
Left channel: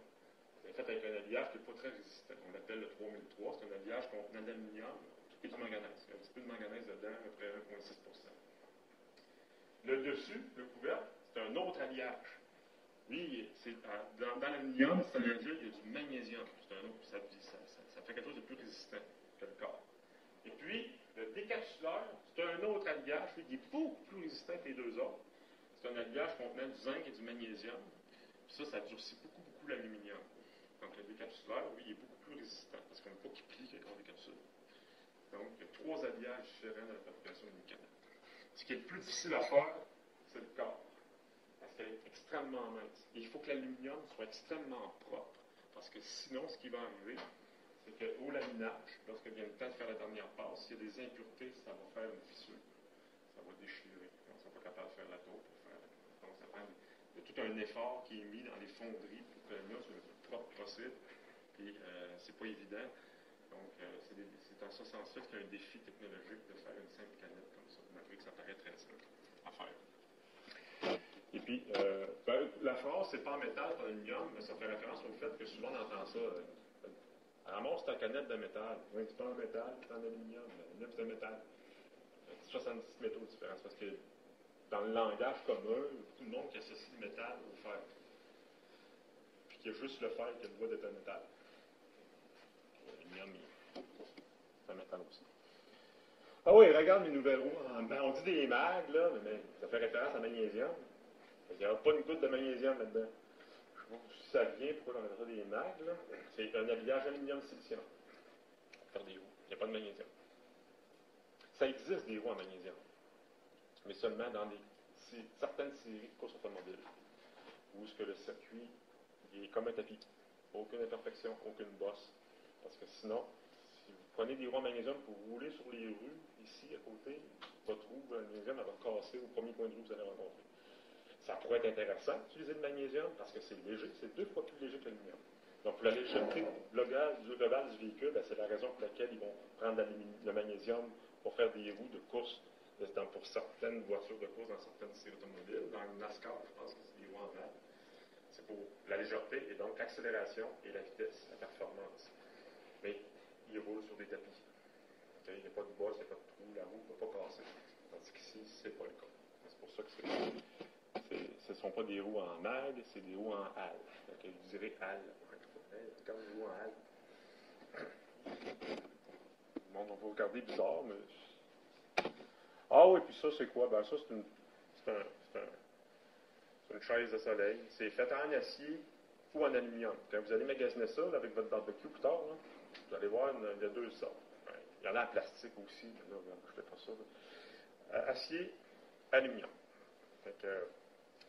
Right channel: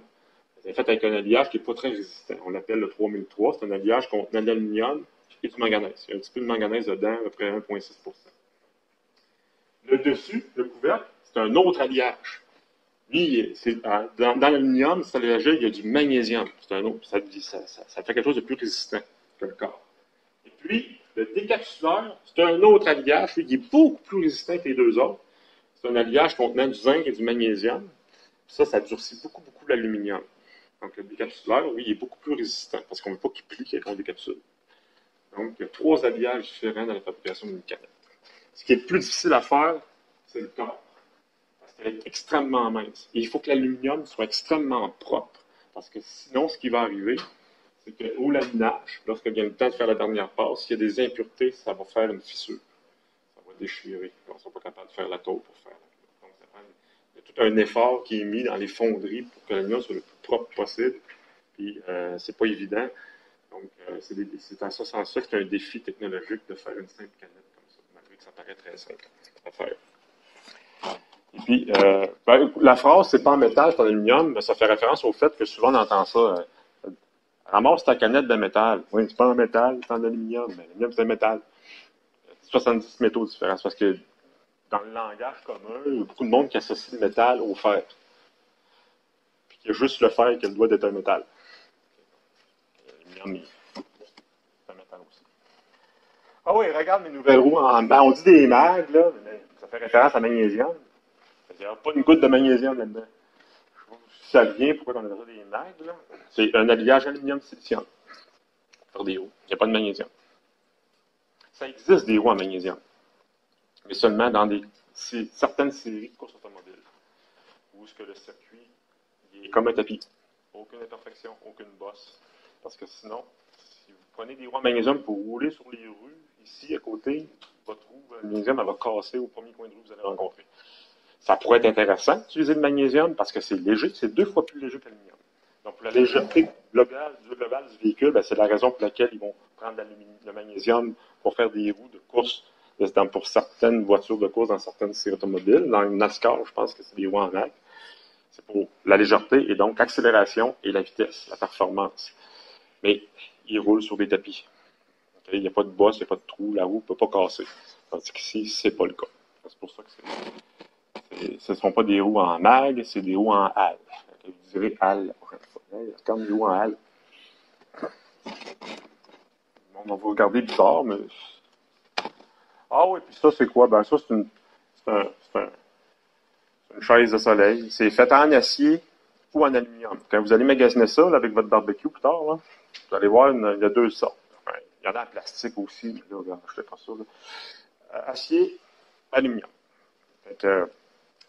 Elle est faite avec un alliage qui n'est pas très résistant. On l'appelle le 3003. C'est un alliage contenant de l'aluminium et du manganèse. Il y a un petit peu de manganèse dedans, à peu près 1,6 %. Le dessus, le couvercle, c'est un autre alliage. Lui, dans l'aluminium, cet alliage-là, il y a du magnésium. C'est un autre. Ça fait quelque chose de plus résistant que le corps. Et puis, le décapsuleur, c'est un autre alliage, lui, qui est beaucoup plus résistant que les deux autres. C'est un alliage contenant du zinc et du magnésium. Ça durcit beaucoup, beaucoup l'aluminium. Donc, le décapsuleur, oui, il est beaucoup plus résistant parce qu'on ne veut pas qu'il plie quand on décapsule. Donc, il y a 3 alliages différents dans la fabrication d'une canette. Ce qui est plus difficile à faire, c'est le corps. Parce qu'elle est extrêmement mince. Et il faut que l'aluminium soit extrêmement propre. Parce que sinon, ce qui va arriver, c'est qu'au laminage, lorsque vient le temps de faire la dernière passe, s'il y a des impuretés, ça va faire une fissure. Ça va déchirer. On ne sera pas capable de faire la tôle pour faire la tôle. Donc, il y a tout un effort qui est mis dans les fonderies pour que l'aluminium soit le plus propre possible. Puis, c'est pas évident. Donc, c'est en ce sens-là que c'est un défi technologique de faire une simple canette comme ça, malgré que ça paraît très simple à faire. Et puis, la phrase, c'est pas en métal, c'est en aluminium, mais ça fait référence au fait que souvent on entend ça. Ramasse ta canette de métal. Oui, c'est pas en métal, c'est en aluminium. Mais l'aluminium, c'est en métal. 70 métaux différents. C'est parce que dans le langage commun, il y a beaucoup de monde qui associe le métal au fer. Puis qu'il y a juste le fer qui a le droit d'être un métal. L'aluminium, c'est un métal aussi. Ah oui, regarde mes nouvelles roues on dit des mags, là, mais ça fait référence à magnésium. Il n'y a pas une goutte de magnésium là-dedans. Je sais pas si ça vient, pourquoi on a des mags, là. C'est un habillage aluminium-silicium. Pour faire des roues. Il n'y a pas de magnésium. Ça existe des roues en magnésium, mais seulement dans certaines séries de courses automobiles, où est-ce que le circuit est comme un tapis. Aucune imperfection, aucune bosse. Parce que sinon, si vous prenez des roues en magnésium pour rouler sur les rues, ici à côté, votre roue magnésium elle va casser au premier coin de rue que vous allez rencontrer. Ça pourrait être intéressant d'utiliser le magnésium parce que c'est léger, c'est 2 fois plus léger que l'aluminium. Donc, pour la légèreté globale du véhicule, c'est la raison pour laquelle ils vont prendre le magnésium pour faire des roues de course pour certaines voitures de course dans certaines séries automobiles. Dans le NASCAR, je pense que c'est des roues en mag. C'est pour la légèreté et donc l'accélération et la vitesse, la performance. Mais ils roulent sur des tapis. Okay? Il n'y a pas de bosse, il n'y a pas de trou, la roue ne peut pas casser. Tandis qu'ici, ce n'est pas le cas. C'est pour ça que ce ne sont pas des roues en mag, c'est des roues en halle. Vous direz halle la prochaine fois. Comme des roues en halle. On va vous regarder bizarre, mais. Ah oui, puis ça, c'est quoi? Ben, ça, c'est une chaise de soleil. C'est fait en acier ou en aluminium. Quand vous allez magasiner ça là, avec votre barbecue plus tard, là, vous allez voir, il y a 2 sortes. Ouais, il y en a en plastique aussi, mais là, regarde, je ne fais pas ça. Acier, aluminium.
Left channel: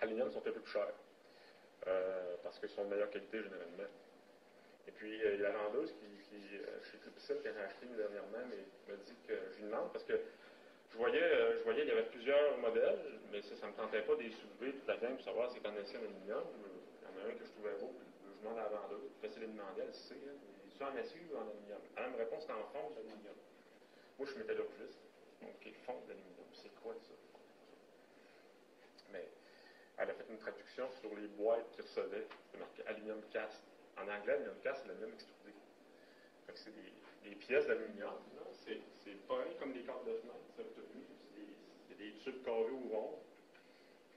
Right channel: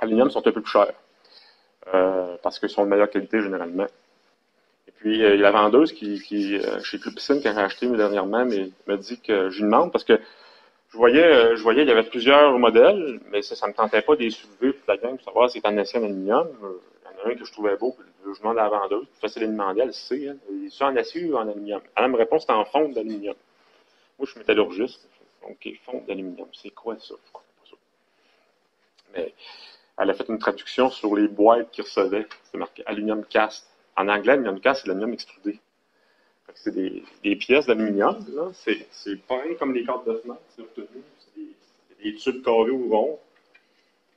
Aluminium sont un peu plus chers parce qu'ils sont de meilleure qualité généralement. Et puis, il y a la vendeuse chez Club Piscine, qui a acheté dernièrement, mais me dit que je lui demande parce que je voyais, il y avait plusieurs modèles, mais ça ne me tentait pas de les soulever toute la gang pour savoir si c'était en acier ou en aluminium. Il y en a un que je trouvais beau, puis je demande à la vendeuse, c'est facile de demander, elle sait, hein, est-ce en acier ou en aluminium? Elle me répond, c'est en fonte d'aluminium. Moi, je suis métallurgiste, donc fonte d'aluminium, c'est quoi ça? Je comprends pas ça. Mais elle a fait une traduction sur les boîtes qu'ils recevaient, c'est marqué aluminium cast. En anglais, aluminium cast, c'est l'aluminium extrudé. C'est des pièces d'aluminium, c'est pareil comme les cartes de fenêtre, c'est obtenu, c'est des tubes carrés ou ronds,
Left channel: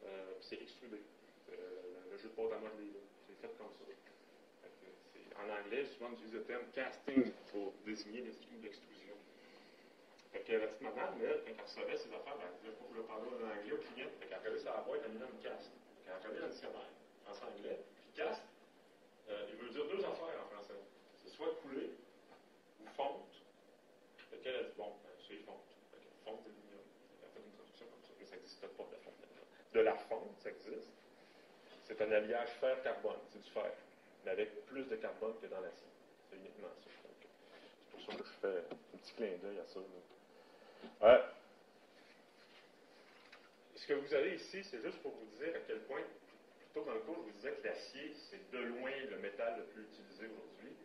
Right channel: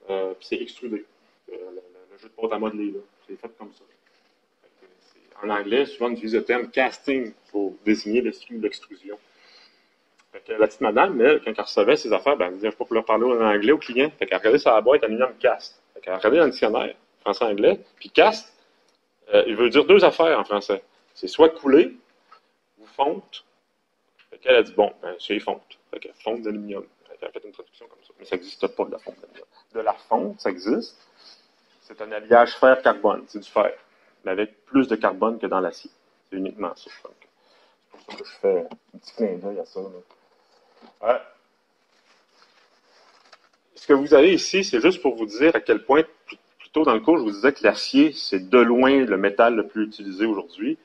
puis c'est extrudé. Le jeu de porte à modeler, là, c'est fait comme ça. En anglais, souvent on utilise le terme casting pour désigner le style d'extrusion. La petite madame, elle, quand elle recevait ses affaires, elle disait, je ne peux pas leur parler en anglais au client. Elle regardait sur la boîte aluminium cast. Elle regardait dans le dictionnaire, français-anglais, puis cast, il veut dire 2 affaires en français. C'est soit coulé, ou fonte. Elle a dit, bon, c'est fonte. Fonte d'aluminium. Elle a fait une traduction comme ça. Mais ça n'existe pas de la fonte d'aluminium. De la fonte, ça existe. C'est un alliage fer-carbone. C'est du fer. Mais avec plus de carbone que dans l'acier. C'est uniquement ça. Donc, c'est pour ça que je fais un petit clin d'œil à ça. Ce que vous avez ici, c'est juste pour vous dire à quel point, plus tôt dans le cours, je vous disais que l'acier, c'est de loin le métal le plus utilisé aujourd'hui.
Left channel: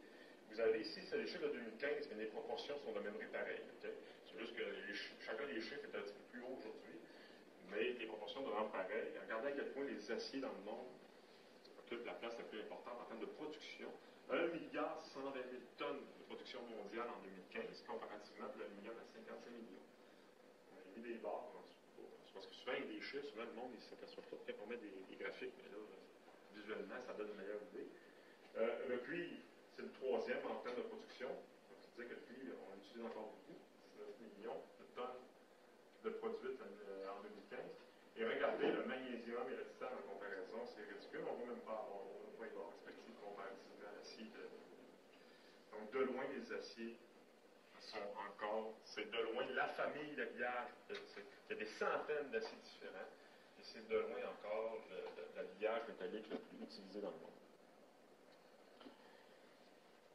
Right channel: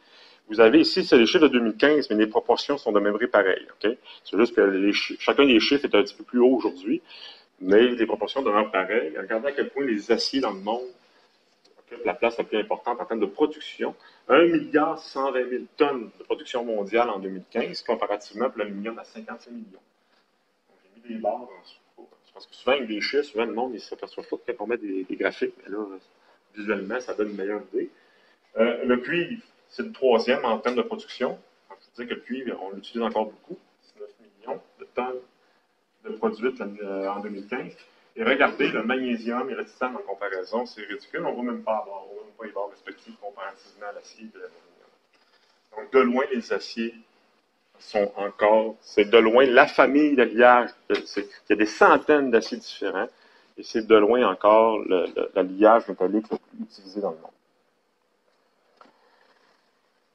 Vous avez ici, c'est les chiffres de 2015, mais les proportions sont demeurées pareilles. Okay? C'est juste que chacun des chiffres est un petit peu plus haut aujourd'hui, mais les proportions demeurent pareilles. Regardez à quel point les aciers dans le monde occupent la place la plus importante en termes de production. 1,120 milliard tonnes de production mondiale en 2015, comparativement pour l'aluminium à 55 millions. J'ai mis des barres en dessous. Parce que souvent, avec des chiffres, souvent, le monde ne s'aperçoit pas quand on met des graphiques, mais là, visuellement, ça donne une meilleure idée. Le cuivre, c'est le 3e en termes de production. C'est-à-dire que le cuivre, on l'utilise encore beaucoup. 19 millions de tonnes de produites en 2015. Et regardez, le magnésium et le titane en comparaison, c'est ridicule. On ne va même pas avoir, on ne va même pas y avoir respectif comparativement à l'acier et à l'aluminium. Donc, de loin, les aciers sont encore, c'est de loin la famille d'alliage. Il y a des centaines d'aciers différents et c'est de loin encore l'alliage métallique le plus utilisé dans le monde.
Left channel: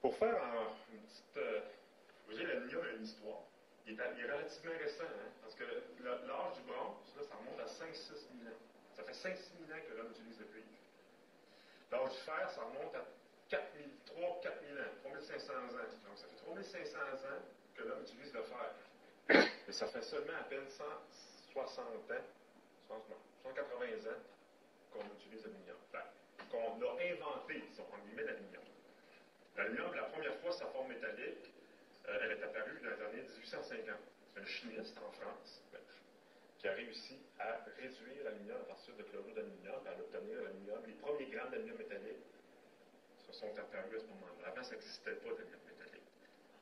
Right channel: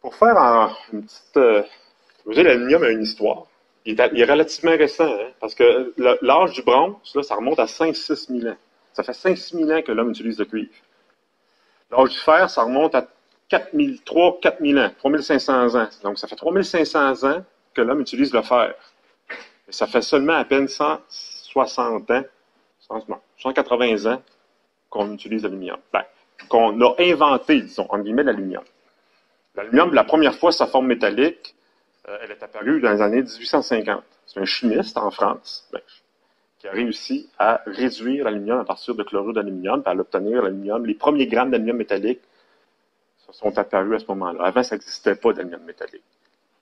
Pour faire une petite... vous savez, l'aluminium a une histoire. Il est relativement récent, hein, parce que l'âge du bronze, là, ça remonte à 5-6 000 ans. Ça fait 5-6 000 ans que l'homme utilise le cuivre. L'âge du fer, ça remonte à 3-4 000 ans, 3 500 ans. Donc, ça fait 3 500 ans que l'homme utilise le fer. Et ça fait seulement à peine 160 ans, 180 ans qu'on utilise l'aluminium. Ben, qu'on a inventé, disons, en guillemets, l'aluminium. L'aluminium, la première fois, sa forme métallique, elle est apparue dans les années 1850. C'est un chimiste en France qui a réussi à réduire l'aluminium à partir de chlorure d'aluminium, puis à l'obtenir l'aluminium. Les premiers grammes d'aluminium métallique sont apparus à ce moment-là. Avant, ça n'existait pas d'aluminium métallique.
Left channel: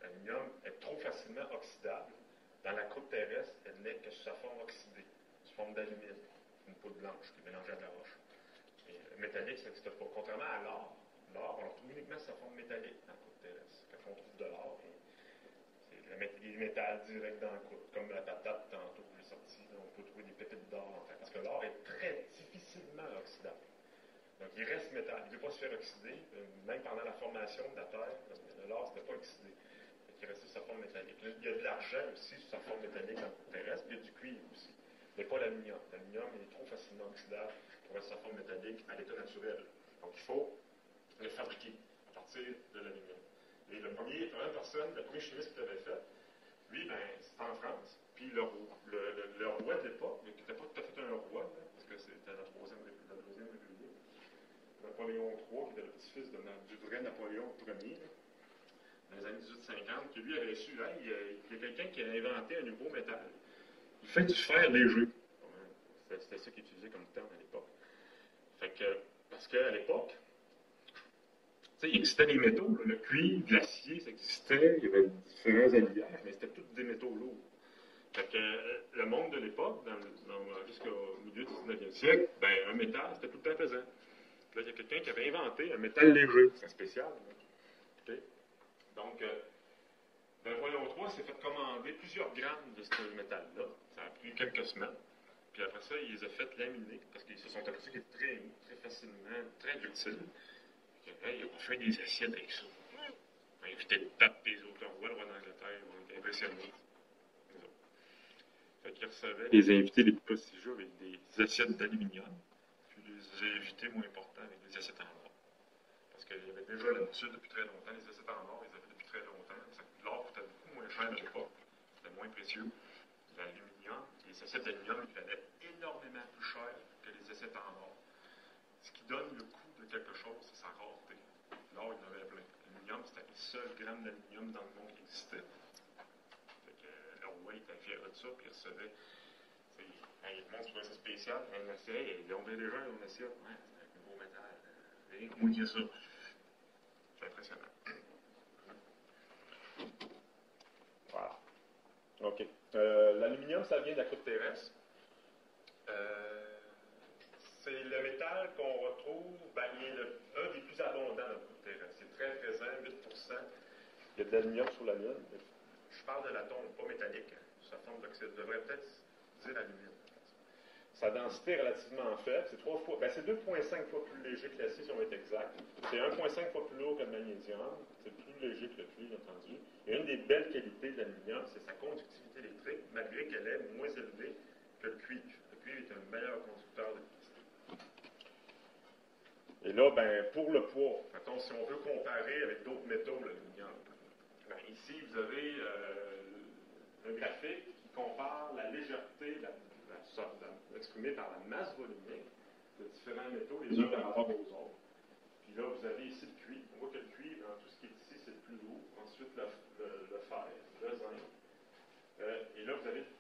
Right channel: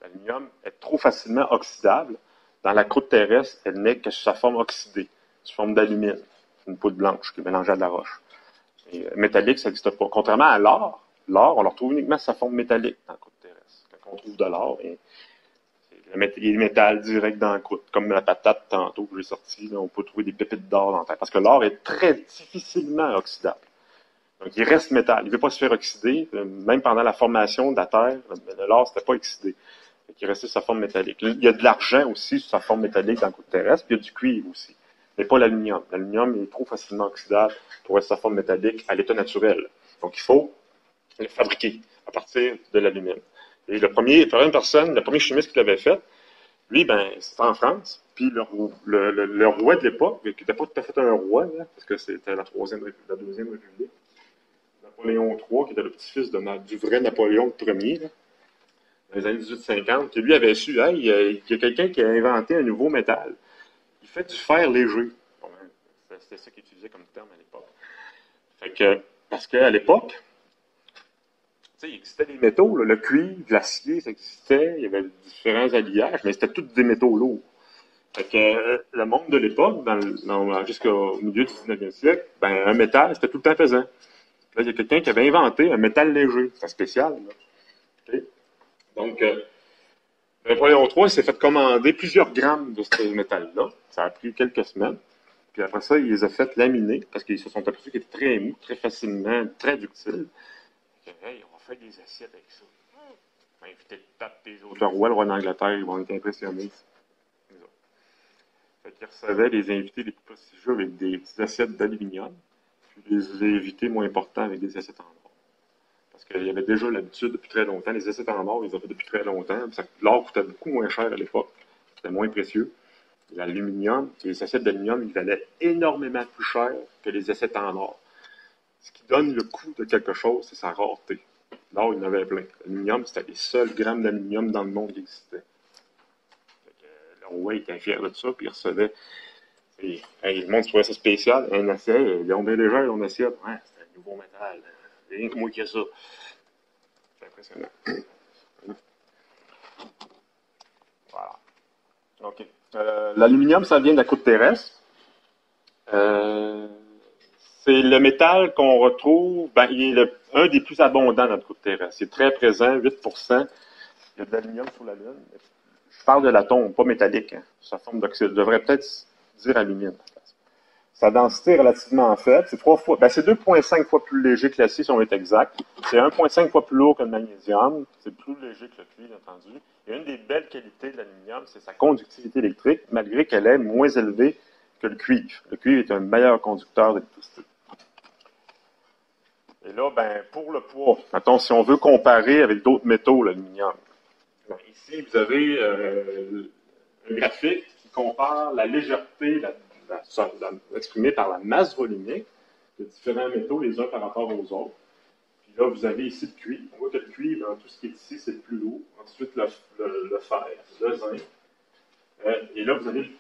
L'aluminium est trop facilement oxydable. Dans la croûte terrestre, elle n'est que sous sa forme oxydée, sous forme d'alumine, une poudre blanche qui est mélangée à de la roche. Et métallique, ça n'existe pas. Contrairement à l'or, on le retrouve uniquement sous sa forme métallique dans la croûte terrestre. Quand on trouve de l'or, il y a le métal direct dans la croûte, comme la patate tantôt que j'ai sorti, là, on peut trouver des pépites d'or dans la terre. Parce que l'or est très difficilement oxydable. Donc, il reste métal. Il ne veut pas se faire oxyder. Même pendant la formation de la Terre, l'or, c'était pas oxydé. Il restait sous sa forme métallique. Il y a de l'argent aussi sous sa forme métallique dans le côté terrestre, puis il y a du cuivre aussi. Mais pas l'aluminium. L'aluminium est trop facilement oxydable pour rester sa forme métallique à l'état naturel. Donc, il faut le fabriquer à partir de l'aluminium. Et le premier chimiste qui l'avait fait, lui, c'était en France. Puis le roi de l'époque, qui n'était pas tout à fait un roi, là, parce que c'était la Deuxième République, Napoléon III, qui était le petit-fils du vrai Napoléon Ier, là, dans les années 1850, qui lui avait su, hey, il y a quelqu'un qui a inventé un nouveau métal. Il fait du fer léger. Bon, c'était ça qu'il utilisait comme terme à l'époque. Fait que, parce qu'à l'époque, il existait des métaux, là, le cuivre, l'acier, ça existait, il y avait différents alliages, mais c'était tous des métaux lourds. Fait que le monde de l'époque, jusqu'au milieu du 19e siècle, un métal, c'était tout le temps pesant. Là, il y a quelqu'un qui avait inventé un métal léger. C'est spécial. Là. Okay? Donc, Napoléon III s'est fait commander plusieurs grammes de ce métal-là. Ça a pris quelques semaines. Puis après ça, il les a fait laminer parce qu'ils se sont aperçus qu'il était très mou, très facilement, très ductile. Ils ont fait des assiettes avec ça. Ils ont invité le pape et les autres. Le roi d'Angleterre, ils vont être impressionnés. Fait qu'ils recevaient les invités les plus prestigieux avec des assiettes d'aluminium, puis les invités moins importants avec des assiettes en or. Parce qu'il y avait déjà l'habitude depuis très longtemps. Les assiettes en or, ils ont fait depuis très longtemps. L'or coûtait beaucoup moins cher à l'époque. C'était moins précieux. L'aluminium, les assiettes d'aluminium, ils valaient énormément plus cher que les assiettes en or. Ce qui donne le coût de quelque chose, c'est sa rareté. L'or, il y en avait plein. L'aluminium, c'était les seuls grammes d'aluminium dans le monde qui existaient. Le roi était fier de ça, puis il recevait. Le monde trouvait ça spécial. Un assiette, ils ont bien légère, on assiette. Ouais, c'est un nouveau métal. Rien que moi qui a ça. C'est impressionnant. Voilà. OK. L'aluminium, ça vient de la croûte terrestre. C'est le métal qu'on retrouve, il est un des plus abondants dans notre croûte terrestre. C'est très présent, 8%. Il y a de l'aluminium sur la Lune. Je parle de l'atome, pas métallique. Hein. Sa forme d'oxyde. Je devrais peut-être dire alumine. Sa densité est relativement faible. C'est 2,5 fois plus léger que l'acier, si on est exact. C'est 1,5 fois plus lourd que le magnésium. C'est plus léger que le cuivre, entendu. Et une des belles qualités de l'aluminium, c'est sa conductivité électrique, malgré qu'elle est moins élevée que le cuivre. Le cuivre est un meilleur conducteur d'électricité. Et là, pour le poids, mettons, si on veut comparer avec d'autres métaux, l'aluminium. Ici, vous avez un graphique qui compare la légèreté exprimée par la masse volumique de différents métaux les uns par rapport aux autres. Puis là, vous avez ici le cuivre. On voit que le cuivre, tout ce qui est ici, c'est le plus lourd. Ensuite, le fer, le zinc. Et là, vous avez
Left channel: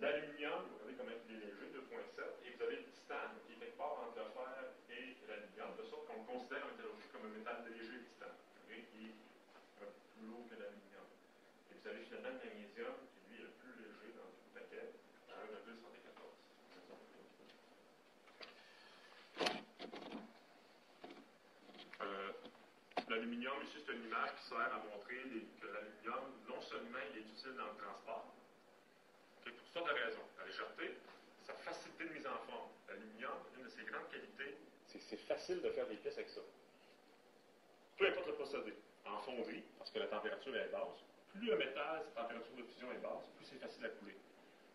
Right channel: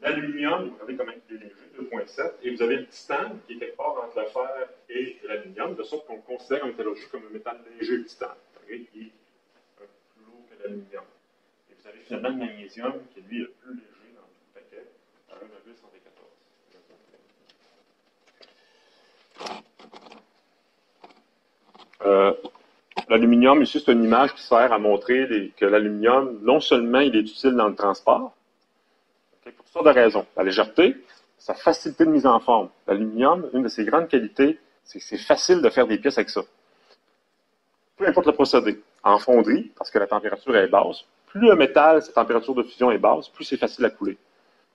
l'aluminium, vous regardez comment il est léger, 2,7. Et vous avez le titane, qui est quelque part entre le fer et l'aluminium, de sorte qu'on le considère en métallurgie comme un métal léger, le titane, qui est plus lourd que l'aluminium. Et vous avez finalement le magnésium, qui lui est le plus léger dans tout le paquet, à 1,114. L'aluminium, ici, c'est une image qui sert à montrer que l'aluminium, non seulement il est utile dans le transport, pour toutes sortes de raisons. La légèreté, sa facilité de mise en forme. L'aluminium, une de ses grandes qualités, c'est que c'est facile de faire des pièces avec ça. Peu importe le procédé. en fonderie, parce que la température est basse. Plus un métal, sa température de fusion est basse, plus c'est facile à couler.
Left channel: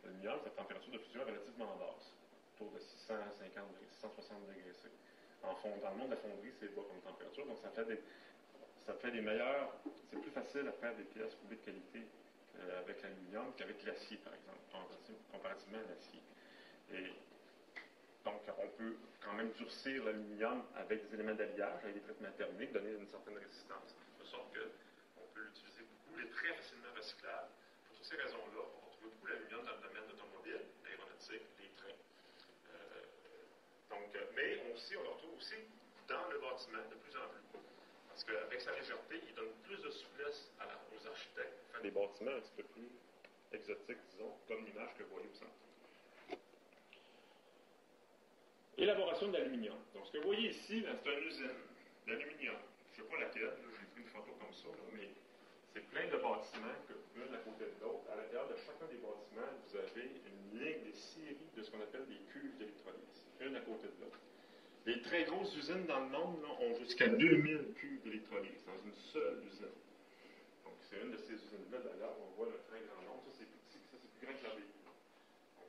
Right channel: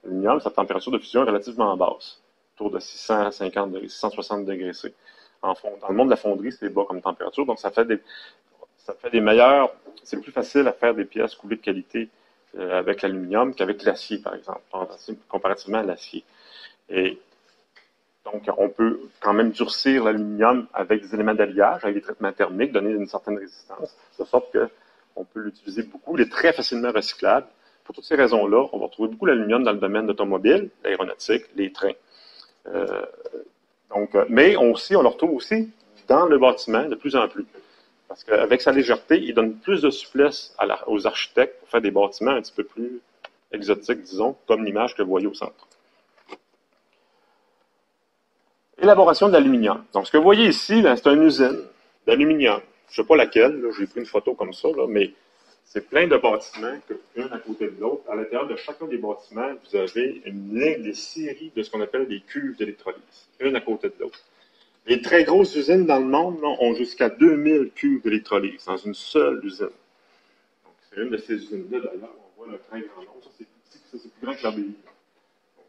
L'aluminium, sa température de fusion est relativement basse, autour de 650 degrés, 660 degrés C. Dans le monde de la fonderie, c'est bas comme température, donc ça fait des meilleurs, c'est plus facile à faire des pièces coulées de qualité avec l'aluminium qu'avec l'acier, par exemple, comparativement à l'acier. Et donc, on peut quand même durcir l'aluminium avec des éléments d'alliage, avec des traitements thermiques, donner une certaine résistance, de sorte qu'on peut l'utiliser beaucoup. Il est très facilement recyclable. Pour toutes ces raisons-là, on va retrouver beaucoup l'aluminium dans le domaine automobile, l'aéronautique, les trains. Mais on le retrouve aussi dans le bâtiment de plus en plus. Parce qu'avec sa légèreté, il donne plus de souplesse aux architectes pour faire des bâtiments un petit peu plus exotiques, disons, comme l'image que vous voyez au centre. Élaboration de l'aluminium. Donc, ce que vous voyez ici, c'est une usine d'aluminium. Je ne sais pas laquelle, j'ai pris une photo comme ça, là, mais c'est plein de bâtiments, un à côté de l'autre. À l'intérieur de chacun des bâtiments, vous avez une ligne, des séries de ce qu'on appelle des cuves d'électrolyse, une à côté de l'autre. Les très grosses usines dans le monde là, ont jusqu'à 2000 cuves d'électrolyse dans une seule usine. Donc, c'est une de ces usines-là, d'ailleurs. On voit le très grand nombre. Ça, c'est plus petit, ça, c'est plus grand que l'ABI.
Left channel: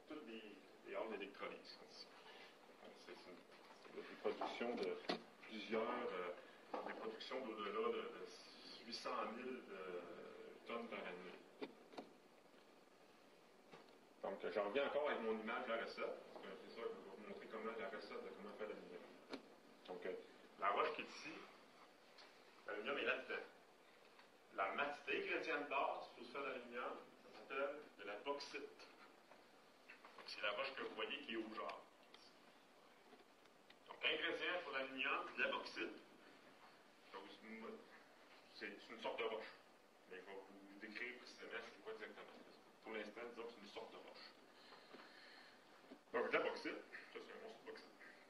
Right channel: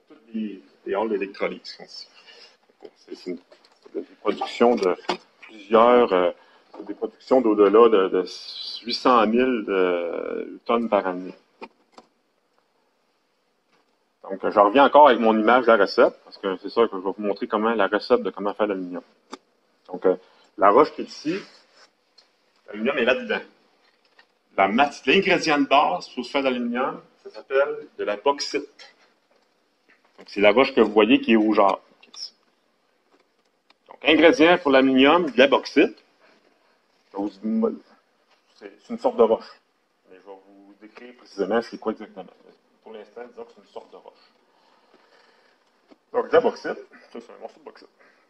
Toutes les halls d'électrolyse sont ici. C'est une production de plusieurs, des productions d'au-delà de 800 000 tonnes par année. Donc, je reviens encore avec mon image de la recette, parce que c'est ça que je vais vous montrer la recette de comment faire l'aluminium. Donc, la roche qui est ici, l'aluminium est là-dedans. L'ingrédient de base pour se faire de l'aluminium, ça s'appelle de la bauxite. C'est la roche que vous voyez qui est rougeâtre. Donc, ingrédient pour l'aluminium, de la bauxite. C'est une sorte de roche. Mais je vais vous décrire précisément c'est quoi exactement. Pour l'instant, disons que c'est une sorte de roche. Donc, de la bauxite, ça c'est un morceau de bauxite.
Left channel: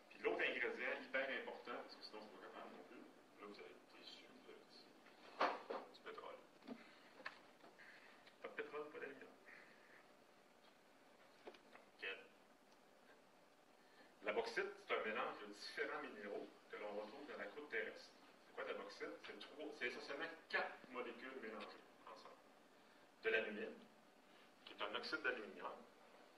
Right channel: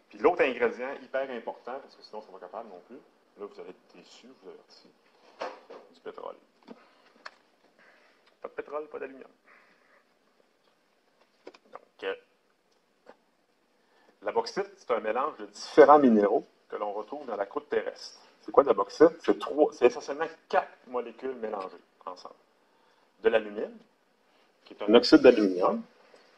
Puis l'autre ingrédient hyper important, parce que sinon, on ne sera pas capable non plus, là vous allez être déçus, je vous avertis, du pétrole. Pas de pétrole, pas d'aluminium. Donc, la bauxite, c'est un mélange de différents minéraux que l'on retrouve dans la croûte terrestre. C'est quoi de la bauxite? C'est essentiellement 4 molécules mélangées ensemble. De l'alumine, qui est un oxyde d'aluminium.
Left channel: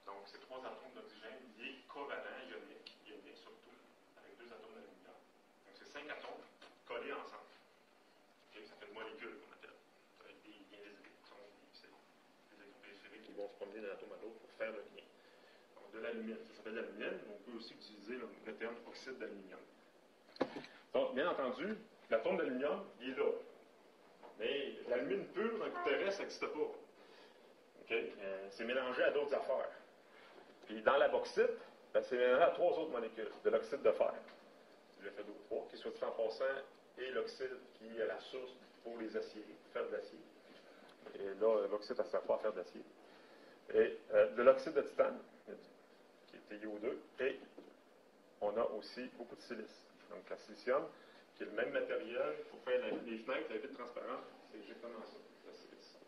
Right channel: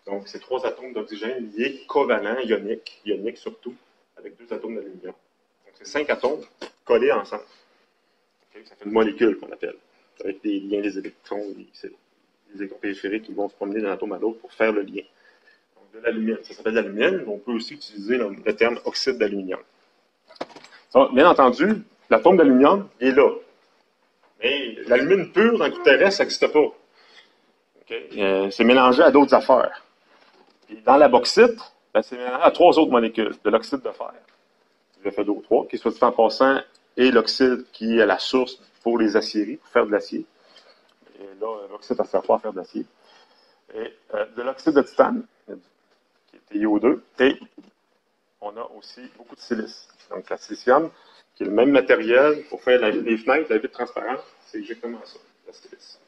Donc, c'est 3 atomes d'oxygène liés covalents, ioniques surtout, avec 2 atomes d'aluminium. Donc, c'est 5 atomes collés ensemble. Okay? Ça fait une molécule qu'on appelle, avec des liens des électrons, des électrons périphériques qui vont se promener d'un atome à l'autre pour faire le lien. Donc, de l'alumine, ça s'appelle l'alumine. On peut aussi utiliser le terme oxyde d'aluminium. Bien entendu, l'atome d'aluminium est là. Mais l'alumine pure dans le coup terrestre, ça n'existe pas. Okay? C'est mélangé à d'autres affaires. Puis dans la bauxite, c'est mélangé à 3 autres molécules de l'oxyde de fer. Le FeO3, qui, soit dit en passant, est l'oxyde qui est la source pour les aciéries, pour faire de l'acier. Et là, l'oxyde, ça ne sert pas à faire de l'acier. Et de l'oxyde de titane, qui est TiO2, et on a aussi beaucoup de silice. Donc, la silicium, qui est le même matériel pour faire les fenêtres, la vitre transparente, c'est exactement ça, la silice.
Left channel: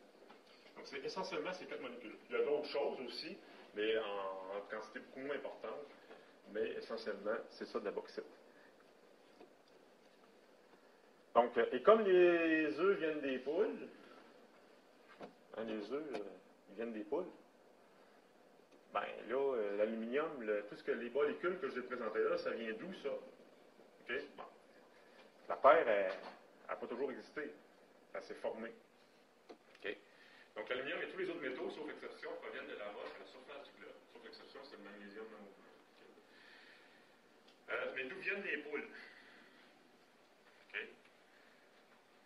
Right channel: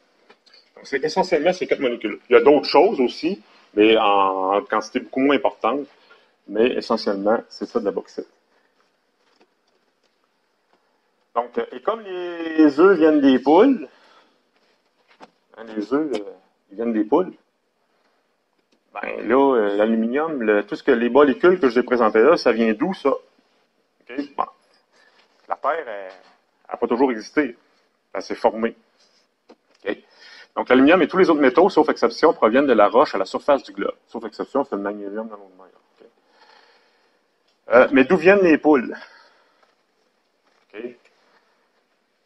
Donc, c'est essentiellement ces 4 molécules. Il y a d'autres choses aussi, mais en quantité beaucoup moins importante, mais essentiellement, c'est ça de la bauxite. Donc, et comme les œufs viennent des poules, les œufs, ils viennent des poules, ben là, l'aluminium, tout ce que les molécules que je vous ai présentées là, ça vient d'où, ça? Okay? Bon. La Terre n'a pas toujours existé. Elle s'est formée. Okay? Donc, l'aluminium et tous les autres métaux, sauf exception, proviennent de la roche à la surface du globe. Sauf exception, c'est le magnésium dans l'eau de mer. Okay? Mais d'où viennent les poules? Okay?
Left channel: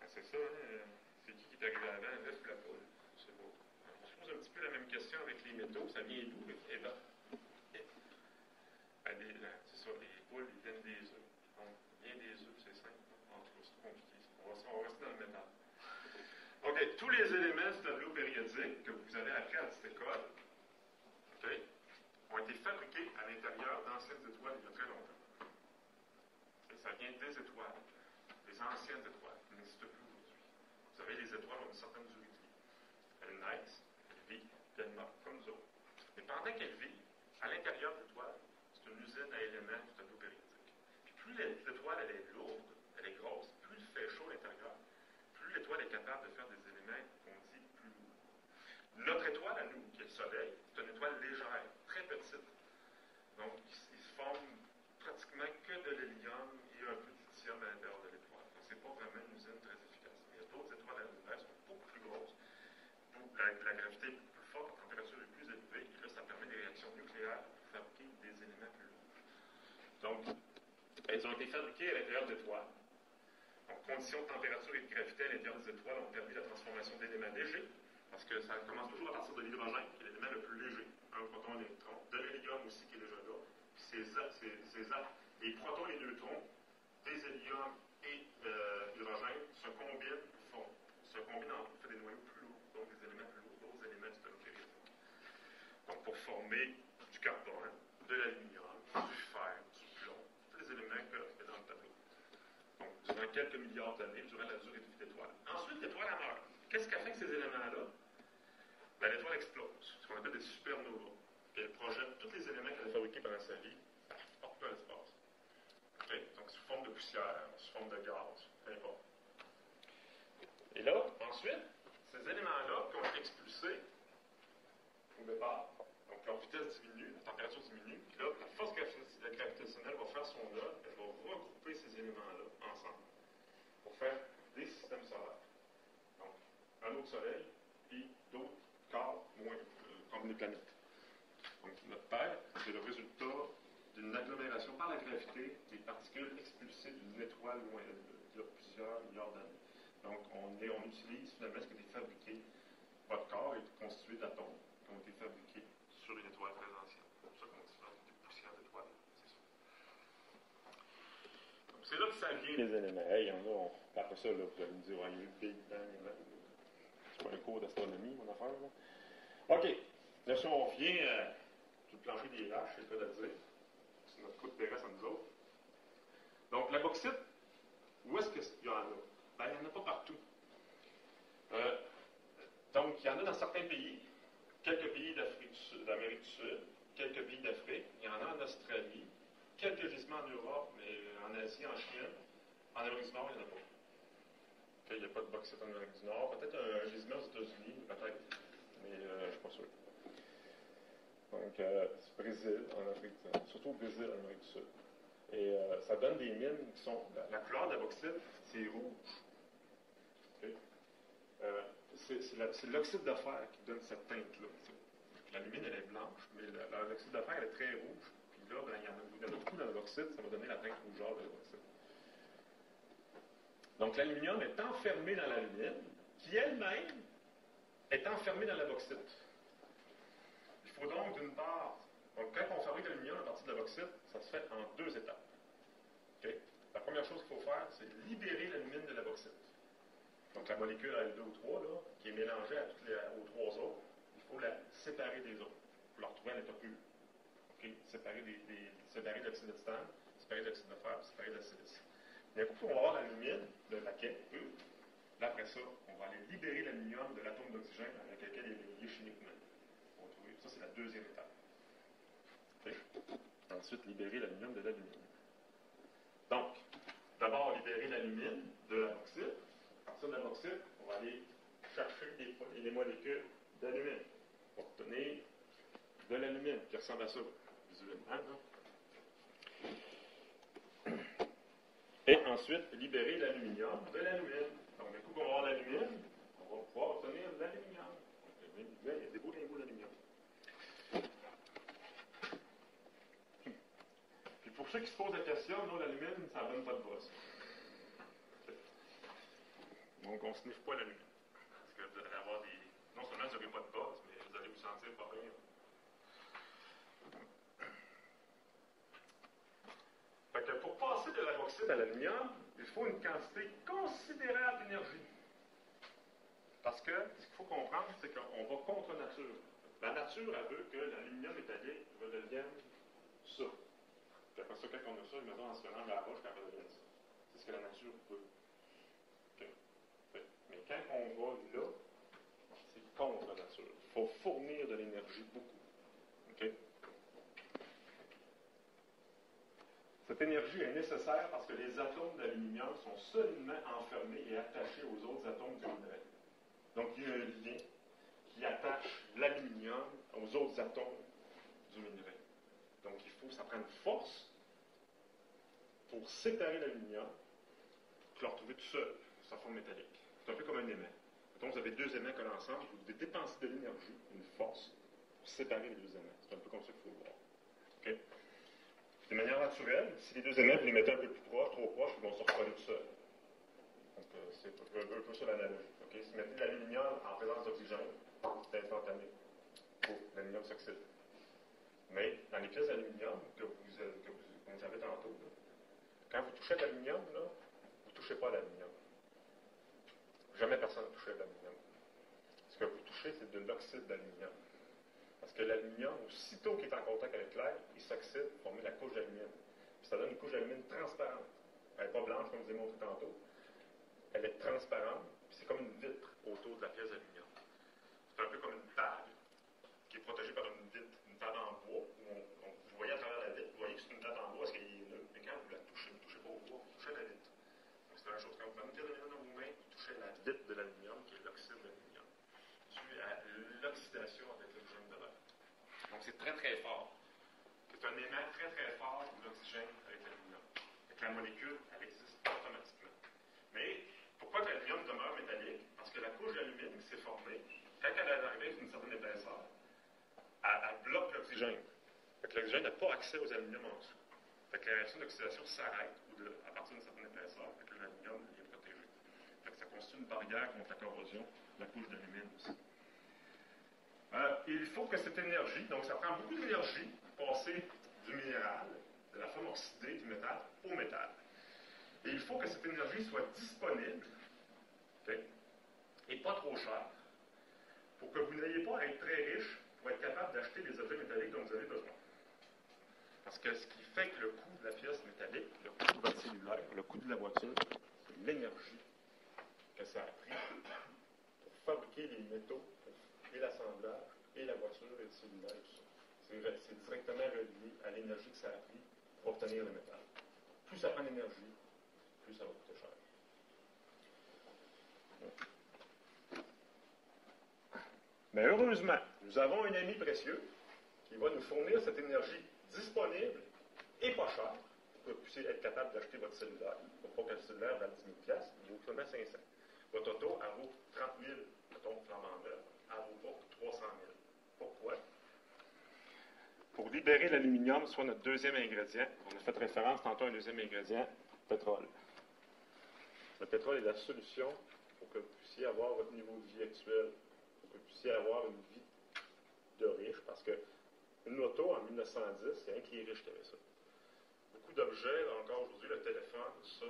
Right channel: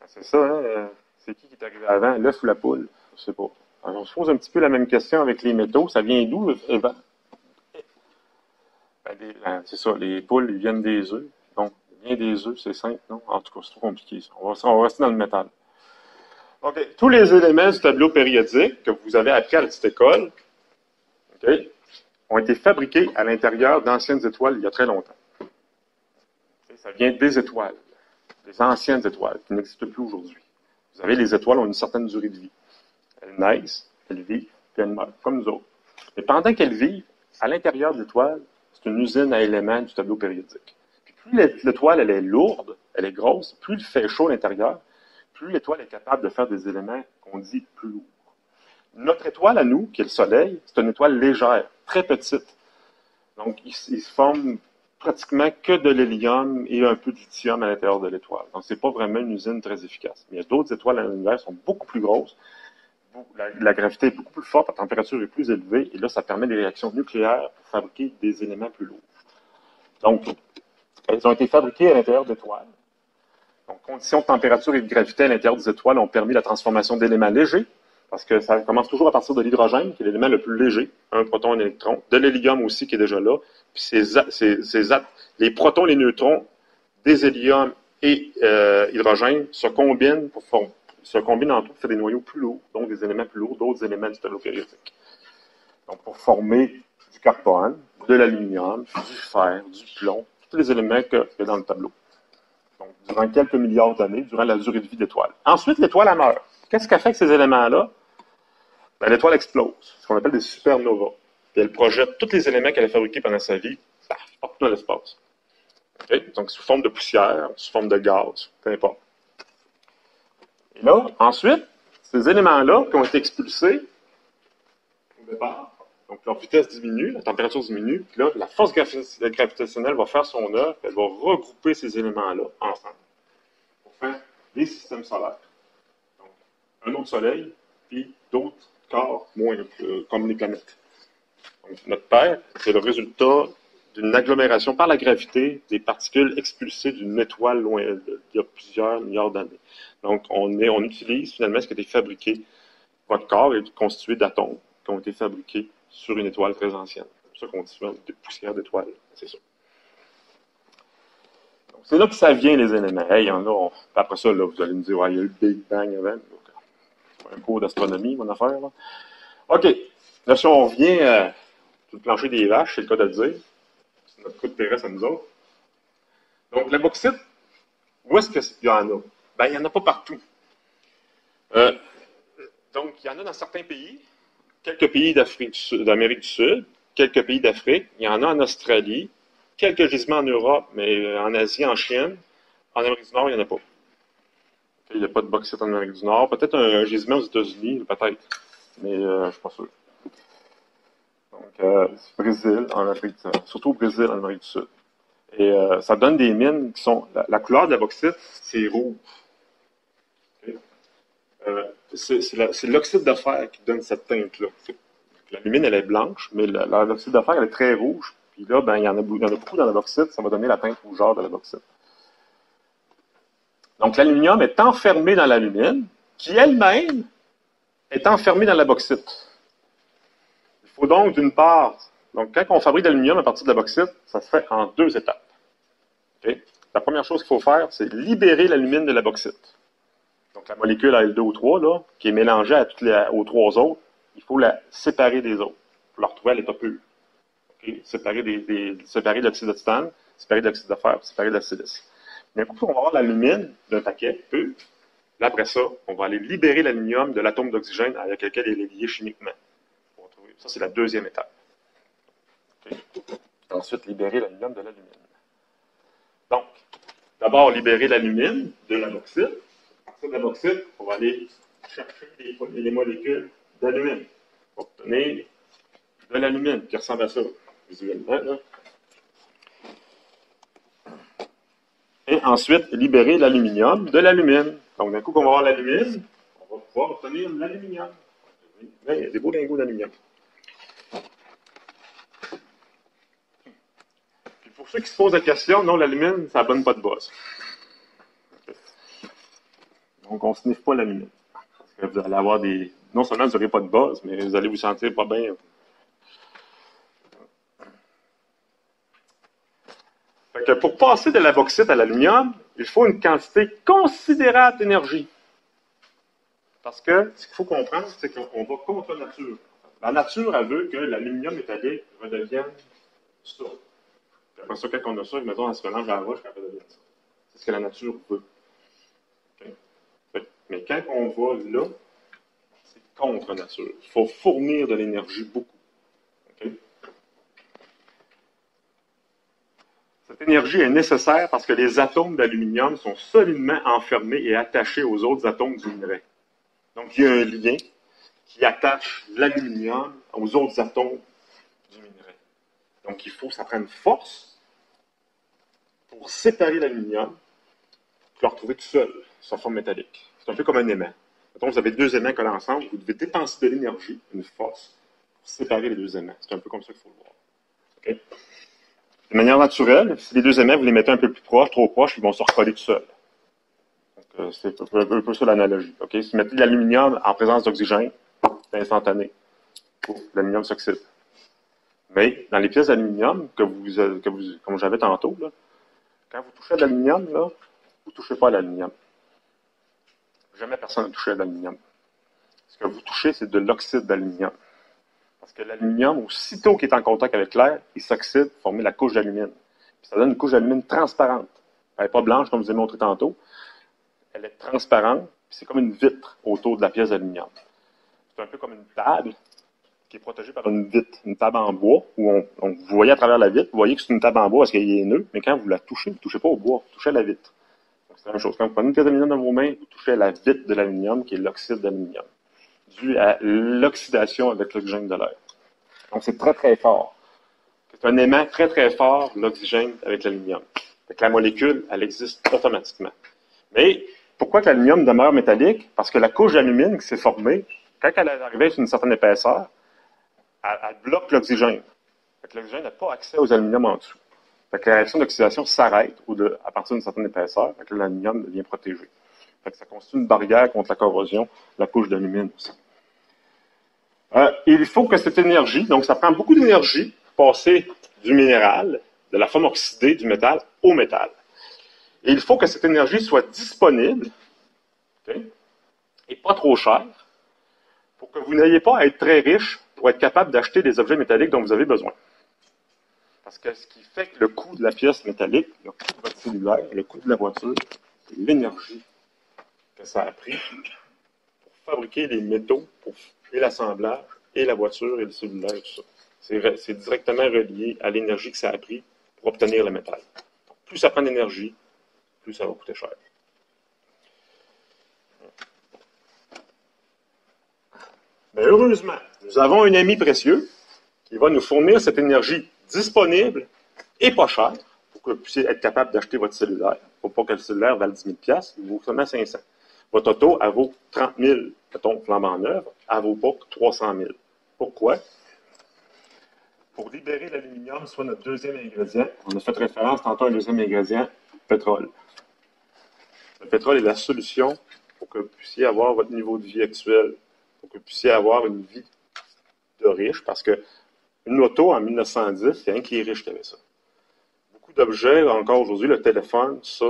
C'est ça, hein? C'est qui est arrivé avant, l'œuf ou la poule? Je ne sais pas. Alors, on se pose un petit peu la même question avec les métaux. Ça vient d'où? C'est ça, les poules, ils viennent des œufs. Donc, il vient des œufs, c'est simple, non? En tout cas, c'est trop compliqué. On va rester dans le métal. OK. Tous les éléments du tableau périodique que vous avez appris à la petite école, okay, ont été fabriqués à l'intérieur d'anciennes étoiles il y a très longtemps. Ça vient des étoiles, des anciennes étoiles qui n'existent plus aujourd'hui. Vous savez, les étoiles ont une certaine durée de vie. Elles naissent, elles vivent, puis elles meurent, comme nous autres. Mais pendant qu'elles vivent, à l'intérieur de l'étoile, c'est une usine à éléments du tableau périodique. Puis plus l'étoile elle est lourde, elle est grosse, plus il fait chaud à l'intérieur, plus l'étoile est capable de faire des éléments qu'on dit plus lourds. Notre étoile à nous, qui est le Soleil, c'est une étoile légère, très petite. Donc, il se forme pratiquement que de l'hélium et un peu de lithium à l'intérieur de l'étoile. Donc, ce n'est pas vraiment une usine très efficace. Mais il y a d'autres étoiles dans l'univers qui sont beaucoup plus grosses. La gravité est beaucoup plus forte, la température est plus élevée, et là, ça permet des réactions nucléaires pour fabriquer des éléments plus lourds. Donc, elles ont été fabriquées à l'intérieur d'étoiles. Donc, conditions de température et de gravité à l'intérieur des étoiles ont permis la transformation d'éléments légers, parce que ça commence toujours à partir de l'hydrogène, qui est l'élément le plus léger, un proton et un électron, de l'hélium aussi, qui est déjà là, puis les protons et les neutrons des hélium et hydrogène se combinent en tout pour faire des noyaux plus lourds, donc des éléments plus lourds, d'autres éléments du tableau périodique. Donc, pour former du carbone, de l'aluminium, du fer, du plomb, tous les éléments qu'il y a dans le tableau. Donc, durant quelques milliards d'années, durant la durée de vie de l'étoile. Ensuite, l'étoile, elle meurt. Qu'est-ce qu'elle fait avec ces éléments-là? Ben, l'étoile explose, ce qu'on appelle des supernovas. Puis elle projette tous les éléments qu'elle a fabriqués pendant sa vie, partout dans l'espace. Okay? Donc, sous forme de poussière, sous forme de gaz, peu importe. Et là, ensuite, ces éléments-là qui ont été expulsés au départ, donc leur vitesse diminue, la température diminue, puis là, la force gravitationnelle va faire son œuvre, elle va regrouper ces éléments-là ensemble pour faire des systèmes solaires. Donc, un autre soleil, puis d'autres corps moins comme les planètes. Donc, notre Terre, c'est le résultat d'une agglomération par la gravité des particules expulsées d'une étoile loin il y a plusieurs milliards d'années. Donc, on utilise finalement ce qui a été fabriqué. Votre corps est constitué d'atomes qui ont été fabriqués sur une étoile très ancienne. C'est pour ça qu'on dit souvent des poussières d'étoiles. C'est ça. Donc, c'est là que ça vient, les éléments. Hey, il y en a. Après ça, là, vous allez me dire, ouais, il y a eu le Big Bang avant. C'est pas un cours d'astronomie, mon affaire. Là. OK. Là, si on revient sur le plancher des vaches, c'est le cas de le dire. C'est notre coup de terrasse à nous autres. Donc, la bauxite, où est-ce qu'il y en a? Ben, il n'y en a pas partout. Donc, il y en a dans certains pays, quelques pays d'Amérique du Sud, quelques pays d'Afrique, il y en a en Australie, quelques gisements en Europe, mais en Asie, en Chine. En Amérique du Nord, il n'y en a pas. Il n'y a pas de bauxite en Amérique du Nord. Peut-être un gisement aux États-Unis, peut-être, mais je ne suis pas sûr. Donc, Brésil, en Afrique du Sud, surtout au Brésil, en Amérique du Sud. Et ça donne des mines qui sont... La couleur de la bauxite, c'est rouge. Okay? C'est l'oxyde de fer qui donne cette teinte-là. La mine, elle est blanche, mais l'oxyde de fer, elle est très rouge. Puis là, ben, il y en a beaucoup dans la bauxite, ça va donner la teinte rougeâtre de la bauxite. Donc, l'aluminium est enfermé dans l'alumine, qui elle-même est enfermée dans la bauxite. Il faut donc, d'une part, donc quand on fabrique de l'aluminium à partir de la bauxite, ça se fait en deux étapes. Okay? La première chose qu'il faut faire, c'est libérer l'alumine de la bauxite. Donc, la molécule Al2O3, là, qui est mélangée aux trois autres, il faut la séparer des autres pour la retrouver à l'état pur. Okay? Séparer de l'oxyde de titane, séparer de l'oxyde de fer, séparer de la silice. D'un coup, on va avoir l'alumine d'un paquet pur. Là, après ça, on va aller libérer l'aluminium de l'atome d'oxygène avec lequel il est lié chimiquement. Ça, c'est la deuxième étape. Okay? Ensuite, libérer l'aluminium de l'alumine. Donc, d'abord, libérer l'alumine de la bauxite. À partir de la bauxite, on va aller chercher les molécules d'alumine pour obtenir de l'alumine qui ressemble à ça, visuellement. Là. Et ensuite, libérer l'aluminium de l'alumine. Donc, d'un coup qu'on va avoir l'alumine, on va pouvoir obtenir l'aluminium. Il y a des beaux lingots d'aluminium. Pour ceux qui se posent la question, non, l'alumine, ça ne donne pas de buzz. Donc, on ne sniffe pas l'alumine. Vous allez avoir des... Non seulement vous n'aurez pas de buzz, mais vous allez vous sentir pas bien. Fait que pour passer de la bauxite à l'aluminium, il faut une quantité considérable d'énergie. Parce que ce qu'il faut comprendre, c'est qu'on va contre la nature. La nature, elle veut que l'aluminium métallique redevienne ça. Après ça, quand on a ça, mettons, on se mélange à la roche, quand on redevient ça. C'est ce que la nature veut. Okay? Mais quand on va là, c'est contre nature. Il faut fournir de l'énergie beaucoup. Okay? Cette l'énergie est nécessaire parce que les atomes d'aluminium sont solidement enfermés et attachés aux autres atomes du minerai. Donc, il y a un lien qui attache l'aluminium aux autres atomes du minerai. Donc, ça prend une force pour séparer l'aluminium, pour le retrouver tout seul, sa forme métallique. C'est un peu comme un aimant. Mettons, vous avez deux aimants collés ensemble, vous devez dépenser de l'énergie, une force, pour séparer les deux aimants. C'est un peu comme ça qu'il faut le voir. Okay? De manière naturelle, si les deux aimants, vous les mettez un peu plus proches, trop proches, ils vont se recoller tout seuls. C'est un peu ça l'analogie. Okay? Si vous mettez de l'aluminium en présence d'oxygène, c'est instantané. L'aluminium s'oxyde. Mais dans les pièces d'aluminium comme j'avais tantôt, là, quand vous touchez à l'aluminium, vous ne touchez pas à l'aluminium. Jamais personne n'a touché à l'aluminium. Ce que vous touchez, c'est de l'oxyde d'aluminium. Parce que l'aluminium, aussitôt qu'il est en contact avec l'air, il s'oxyde pour former la couche d'alumine. Ça donne une couche d'alumine transparente. Elle n'est pas blanche, comme je vous ai montré tantôt. Elle est transparente, c'est comme une vitre autour de la pièce d'aluminium. C'est un peu comme une table qui est protégée par une vitre, une table en bois, où vous voyez à travers la vitre, vous voyez que c'est une table en bois parce qu'elle est nœud, mais quand vous la touchez, vous ne touchez pas au bois, vous touchez à la vitre. C'est la même chose. Quand vous prenez une pièce d'aluminium dans vos mains, vous touchez à la vitre de l'aluminium, qui est l'oxyde d'aluminium, dû à l'oxydation avec l'oxygène de l'air. Donc, c'est très, très fort. C'est un aimant très, très fort, l'oxygène avec l'aluminium. La molécule, elle existe automatiquement. Mais pourquoi que l'aluminium demeure métallique? Parce que la couche d'alumine qui s'est formée, quand elle est arrivée sur une certaine épaisseur, elle bloque l'oxygène. L'oxygène n'a pas accès aux aluminiums en dessous. La réaction d'oxydation s'arrête à partir d'une certaine épaisseur, l'aluminium devient protégé. Ça constitue une barrière contre la corrosion de la couche d'alumine aussi. Il faut que cette énergie, donc ça prend beaucoup d'énergie pour passer du minéral, de la forme oxydée du métal, au métal. Et il faut que cette énergie soit disponible, okay, et pas trop chère, pour que vous n'ayez pas à être très riche pour être capable d'acheter des objets métalliques dont vous avez besoin. Parce que ce qui fait que le coût de la pièce métallique, le coût de votre cellulaire, le coût de la voiture, c'est l'énergie que ça a pris pour fabriquer les métaux, et l'assemblage, et la voiture, et le cellulaire, et tout ça. C'est directement relié à l'énergie que ça a pris pour obtenir le métal. Donc, plus ça prend d'énergie, plus ça va coûter cher. Mais heureusement, nous avons un ami précieux qui va nous fournir cette énergie disponible et pas chère pour que vous puissiez être capable d'acheter votre cellulaire. Pour pas que le cellulaire vaille 10 000 $, il vaut seulement 500. Votre auto, elle vaut 30 000, mettons, flambant neuve, elle ne vaut pas 300 000. Pourquoi? Pour libérer l'aluminium, soit notre deuxième ingrédient, on a fait référence tantôt à un deuxième ingrédient, pétrole. Le pétrole est la solution pour que vous puissiez avoir votre niveau de vie actuel, pour que vous puissiez avoir une vie de riche, parce que une auto en 1910, c'est rien que les riches qui avaient ça. Beaucoup d'objets, encore aujourd'hui, le téléphone, ça,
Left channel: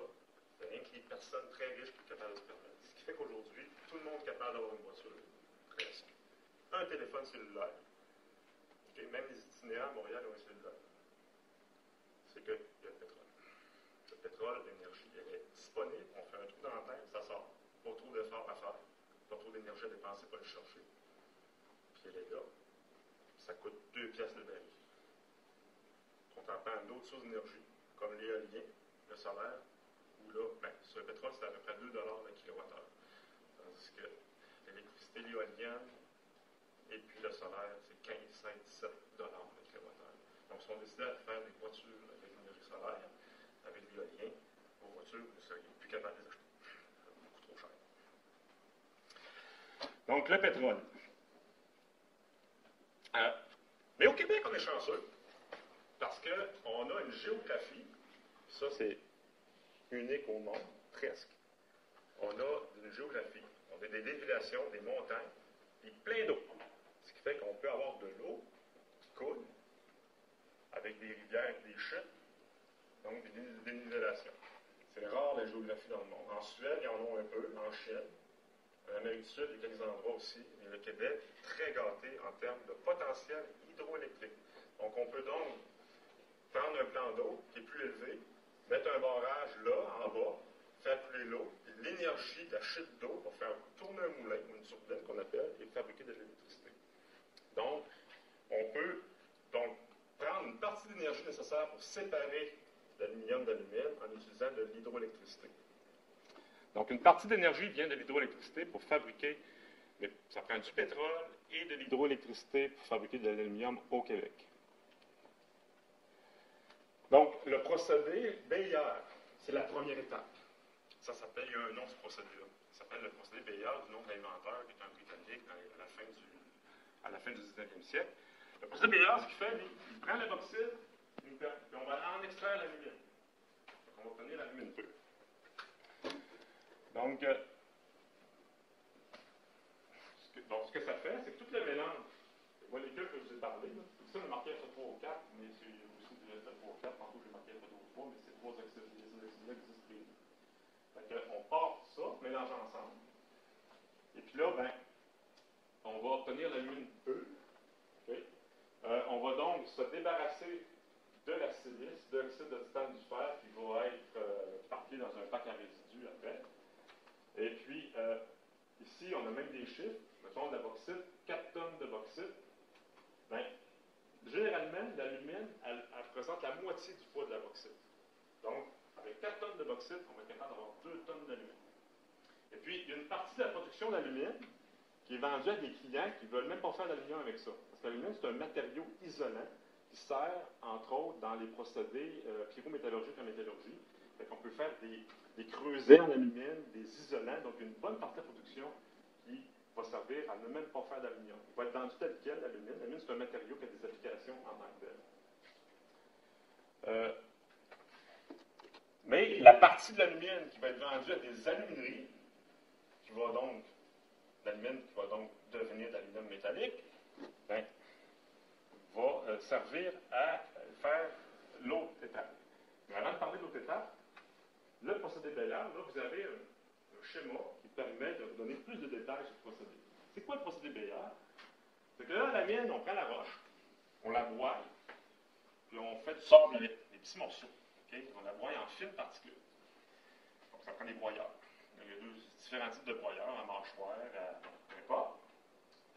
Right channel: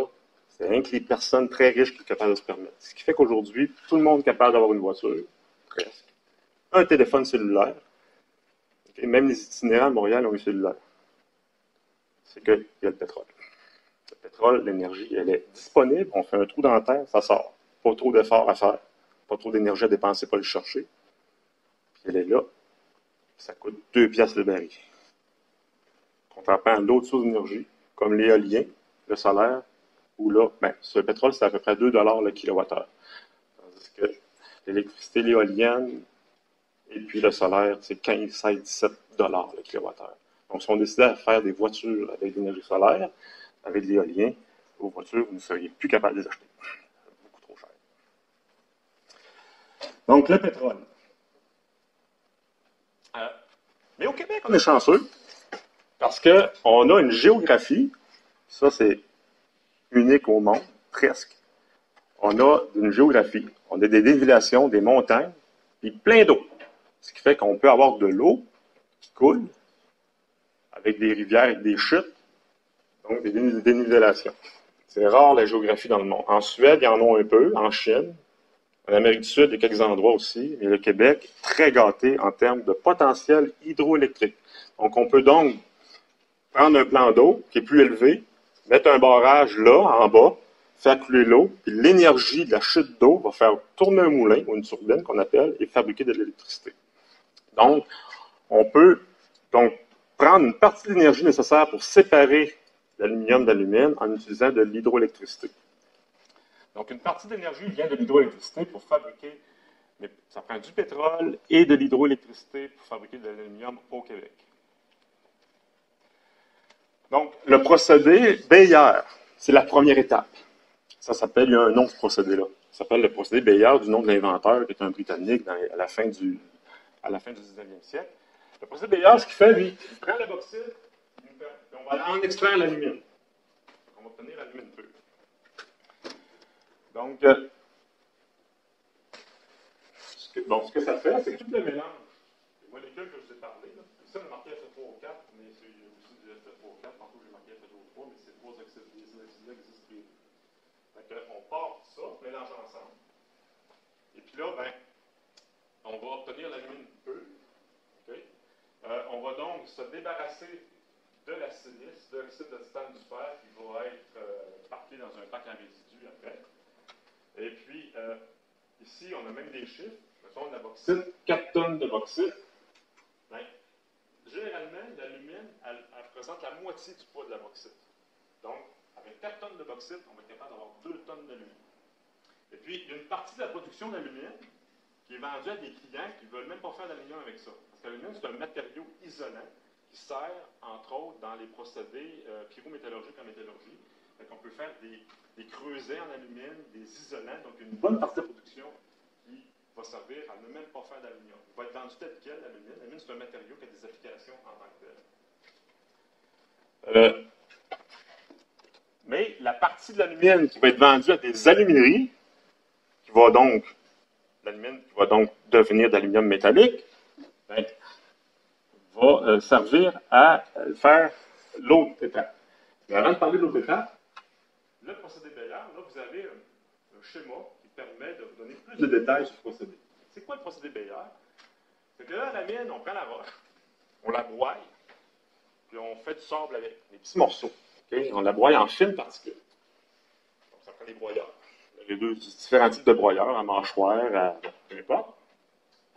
c'est rien que les personnes très riches qui sont capables de se permettre. Ce qui fait qu'aujourd'hui, tout le monde est capable d'avoir une voiture, presque. Un téléphone cellulaire. Et même les itinérants à Montréal ont un cellulaire. C'est qu'il y a le pétrole. Le pétrole, l'énergie, elle est disponible. On fait un trou dans la terre, ça sort. Pas trop d'efforts à faire. Pas trop d'énergie à dépenser pour le chercher. Puis elle est là. Ça coûte 2 piastres le baril. Contrairement à d'autres sources d'énergie, comme l'éolien, le solaire, où là, ce pétrole, c'est à peu près 2 $ le kilowattheure. Tandis que l'électricité, l'éolienne, et puis le solaire, c'est 15, 16, 17 $ le kilowattheure. Donc, si on décidait à faire des voitures avec de l'énergie solaire, avec de l'éolien, vos voitures, vous ne seriez plus capable de les acheter. Beaucoup trop cher. Donc, le pétrole. Mais au Québec, on est chanceux parce qu'on a une géographie, ça c'est unique au monde, presque. On a une géographie, on a des dévilations, des montagnes, puis plein d'eau. Ce qui fait qu'on peut avoir de l'eau qui coule avec des rivières et des chutes, donc des dénivellations. C'est rare la géographie dans le monde. En Suède, il y en a un peu, en Chine, en Amérique du Sud, il y a quelques endroits aussi, mais le Québec est très gâté en termes de potentiel hydroélectrique. Donc, on peut donc prendre un plan d'eau qui est plus élevé, mettre un barrage là, en bas, faire couler l'eau, puis l'énergie de la chute d'eau va faire tourner un moulin ou une turbine qu'on appelle et fabriquer de l'électricité. Donc, on peut donc prendre une partie de l'énergie nécessaire pour séparer l'aluminium d'alumine en utilisant de l'hydroélectricité. Donc, une partie d'énergie vient de l'hydroélectricité pour fabriquer, mais ça prend du pétrole et de l'hydroélectricité pour fabriquer de l'aluminium au Québec. Donc, le procédé Bayer, c'est la première étape. Ça s'appelle, il y a un nom de ce procédé-là. Ça s'appelle le procédé Bayer, du nom de l'inventeur, qui est un Britannique à la fin du 19e siècle. Le procédé Bayer, ce qu'il fait, lui, il prend la bauxite, puis on va en extraire l'alumine. On va obtenir l'alumine pure. Donc, ce que ça fait, c'est que tout le mélange, les molécules que je vous ai parlé, là, ici on a marqué Fe3 O4, mais c'est aussi du Fe3 O4, tantôt j'ai marqué Fe2O3, mais c'est trois oxydes, les oxydes-là existent plus. On part tout ça, mélange ensemble. Et puis là, ben, on va obtenir l'alumine pure. Okay? On va donc se débarrasser de la silice, de l'oxyde de titane du fer qui va être parti dans un bac à résidus après. Et puis, ici, on a même des chiffres. Mettons de la bauxite, 4 tonnes de bauxite. Ben, généralement, l'alumine, elle représente la moitié du poids de la bauxite. Donc, avec 4 tonnes de bauxite, on va être capable d'avoir 2 tonnes d'alumine. Et puis, il y a une partie de la production d'alumine qui est vendue à des clients qui ne veulent même pas faire d'aluminium avec ça. Parce que l'alumine, c'est un matériau isolant qui sert, entre autres, dans les procédés pyrométallurgiques en métallurgie. Fait qu'on peut faire des creusets en alumine, des isolants, donc une bonne partie de la production qui va servir à ne même pas faire d'aluminium. Il va être vendu tel quel, l'alumine. L'alumine, c'est un matériau qui a des applications en tant que tel. Mais la partie de l'alumine qui va être vendue à des alumineries, qui va donc devenir d'aluminium métallique, ben, va servir à faire l'autre étape. Mais avant de parler de l'autre étape, le procédé Bayer, là, vous avez un schéma qui permet de vous donner plus de détails sur ce procédé. C'est quoi le procédé Bayer? C'est que là, la mine, on prend la roche, on la broie, puis on fait du sable avec des petits morceaux. Okay? On la broie en fines particules. Donc, ça prend des broyeurs. Il y a différents types de broyeurs, à mâchoire, à peu importe.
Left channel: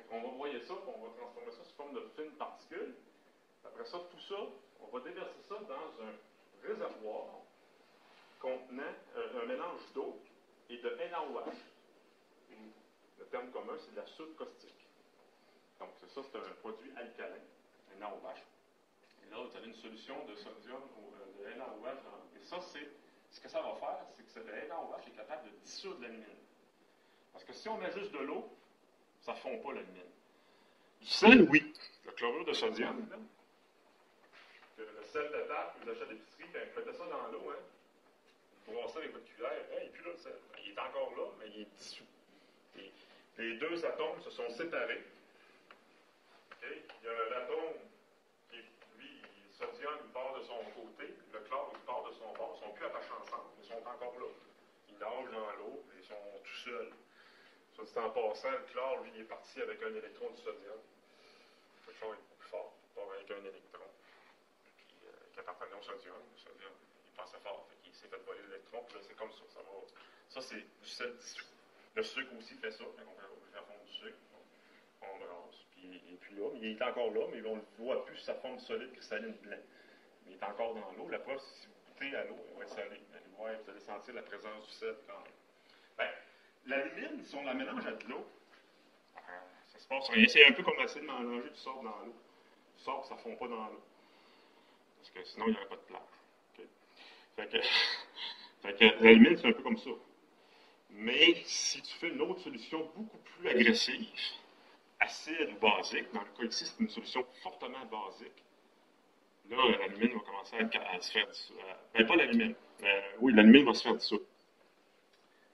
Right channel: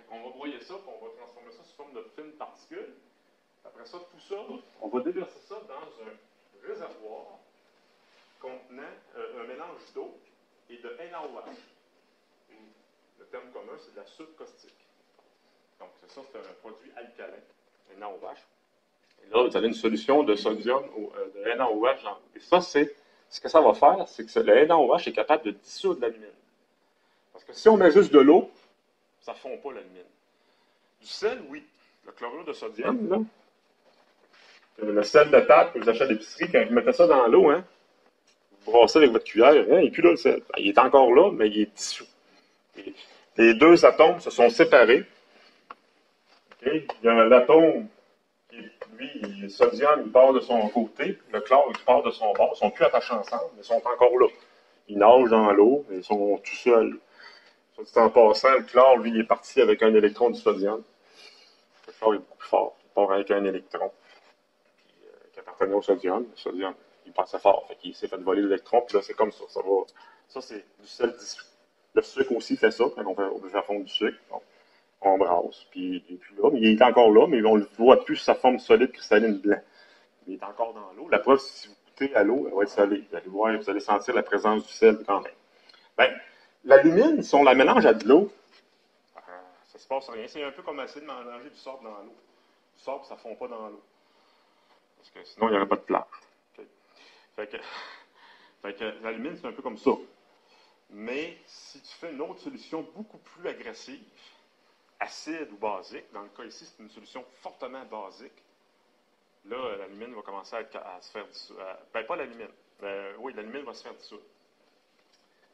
On va broyer ça, puis on va transformer ça sous forme de fines particules. Après ça, tout ça, on va déverser ça dans un réservoir contenant un mélange d'eau et de NaOH. Le terme commun, c'est de la soude caustique. Donc, ça, c'est un produit alcalin, NaOH. Et là, vous avez une solution de sodium ou de NaOH. Et ça, c'est ce que ça va faire, c'est que le NaOH est capable de dissoudre l'alumine. Parce que si on met juste de l'eau, ça ne fond pas l'alumine. Du sel, oui. Le chlorure de sodium, là, le sel de table que vous achetez à l'épicerie, quand vous mettez ça dans l'eau, hein, vous brassez avec votre cuillère, hein, et puis là, le sel. Il est encore là, mais il est dissous. Les deux atomes se sont séparés. Okay? Il y a l'atome qui, lui, le sodium, il part de son côté, le chlore, il part de son bord. Ils ne sont plus attachés ensemble, mais ils sont encore là. Ils nagent dans l'eau, ils sont tout seuls. En passant, le chlore, lui, il est parti avec un électron du sodium. Le chlore est beaucoup plus fort. Il part avec un électron qui appartenait au sodium. Le sodium, il passait fort. Fait qu'il s'est fait voler l'électron, puis là, c'est comme ça. Ça, c'est du sel dissous. Le sucre aussi fait ça, quand on veut faire fondre du sucre. Donc, on brasse. Puis là, il est encore là, mais on ne le voit plus sous sa forme solide cristalline blanc. Il est encore dans l'eau. La preuve, si vous goûtez à l'eau, elle va être salée. Vous allez sentir la présence du sel quand même. Ben, l'alumine, si on la mélange à de l'eau, ça se passe rien. C'est un peu comme essayer de mélanger du sable dans l'eau. Du sable, ça ne fond pas dans l'eau. Parce que sinon, il n'y aurait pas de plage. Okay. Fait que l'alumine, c'est un peu comme ça. Mais si tu fais une autre solution beaucoup plus agressive, acide ou basique, dans le cas ici, c'est une solution fortement basique, là, l'alumine va commencer à se faire dissoudre. Ben, pas l'alumine. Oui, l'alumine va se faire dissoudre.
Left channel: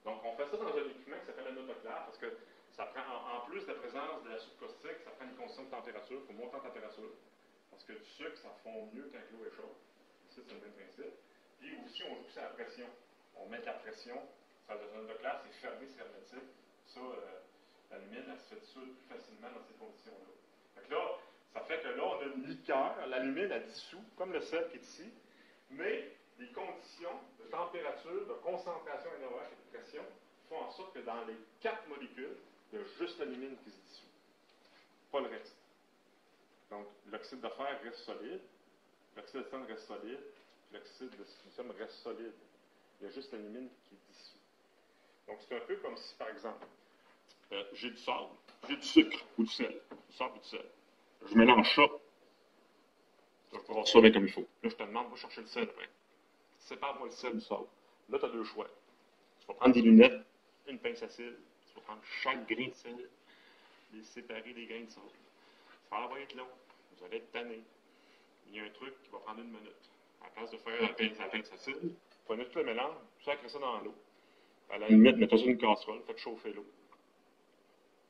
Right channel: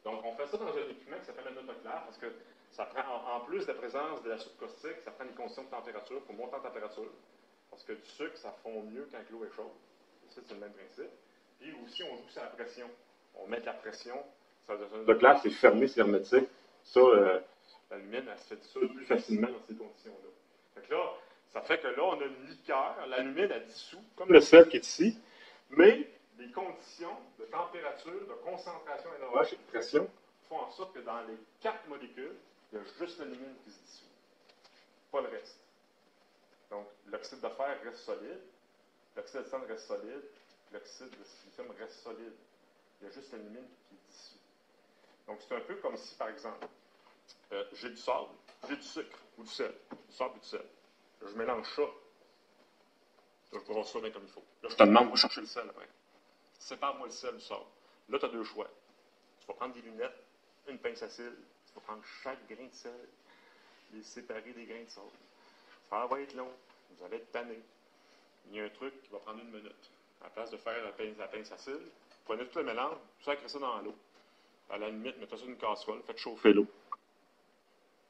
Donc, on fait ça dans un équipement qui s'appelle un autoclave parce que ça prend, en plus de la présence de la soude caustique, ça prend une condition de température pour monter en température. Parce que du sucre, ça fond mieux quand l'eau est chaude. Ici, c'est le même principe. Puis aussi, on joue sur la pression. On met de la pression. L'autoclave, c'est fermé, c'est hermétique. Ça, l'alumine, elle se fait dissoudre plus facilement dans ces conditions-là. Donc là, ça fait que là, on a une liqueur. L'alumine, elle dissout, comme le sel qui est ici. Mais les conditions de température, de concentration NaOH et de pression font en sorte que dans les 4 molécules, il y a juste l'alumine qui se dissout. Pas le reste. Donc, l'oxyde de fer reste solide, l'oxyde de titane reste solide, l'oxyde de silicium reste solide. Il y a juste l'alumine qui est dissous. Donc, c'est un peu comme si, par exemple, j'ai du sable, j'ai du sucre ou du sel. Du sable ou du sel. Je mélange ça. Je vais avoir ça bien comme il faut. Là, je te demande, va chercher le sel après. Sépare-moi le sel du sable. Là, tu as deux choix. Tu vas prendre des lunettes, une pince à cils, tu vas prendre chaque grain de sel, les séparer des grains de sable. Ça va être long. Vous allez être tanné. Il y a un truc qui va prendre 1 minute. À la place de faire la pince à cils, prenez tout le mélange, sacrez ça dans l'eau. À la limite, mettez ça sur une casserole, faites chauffer l'eau.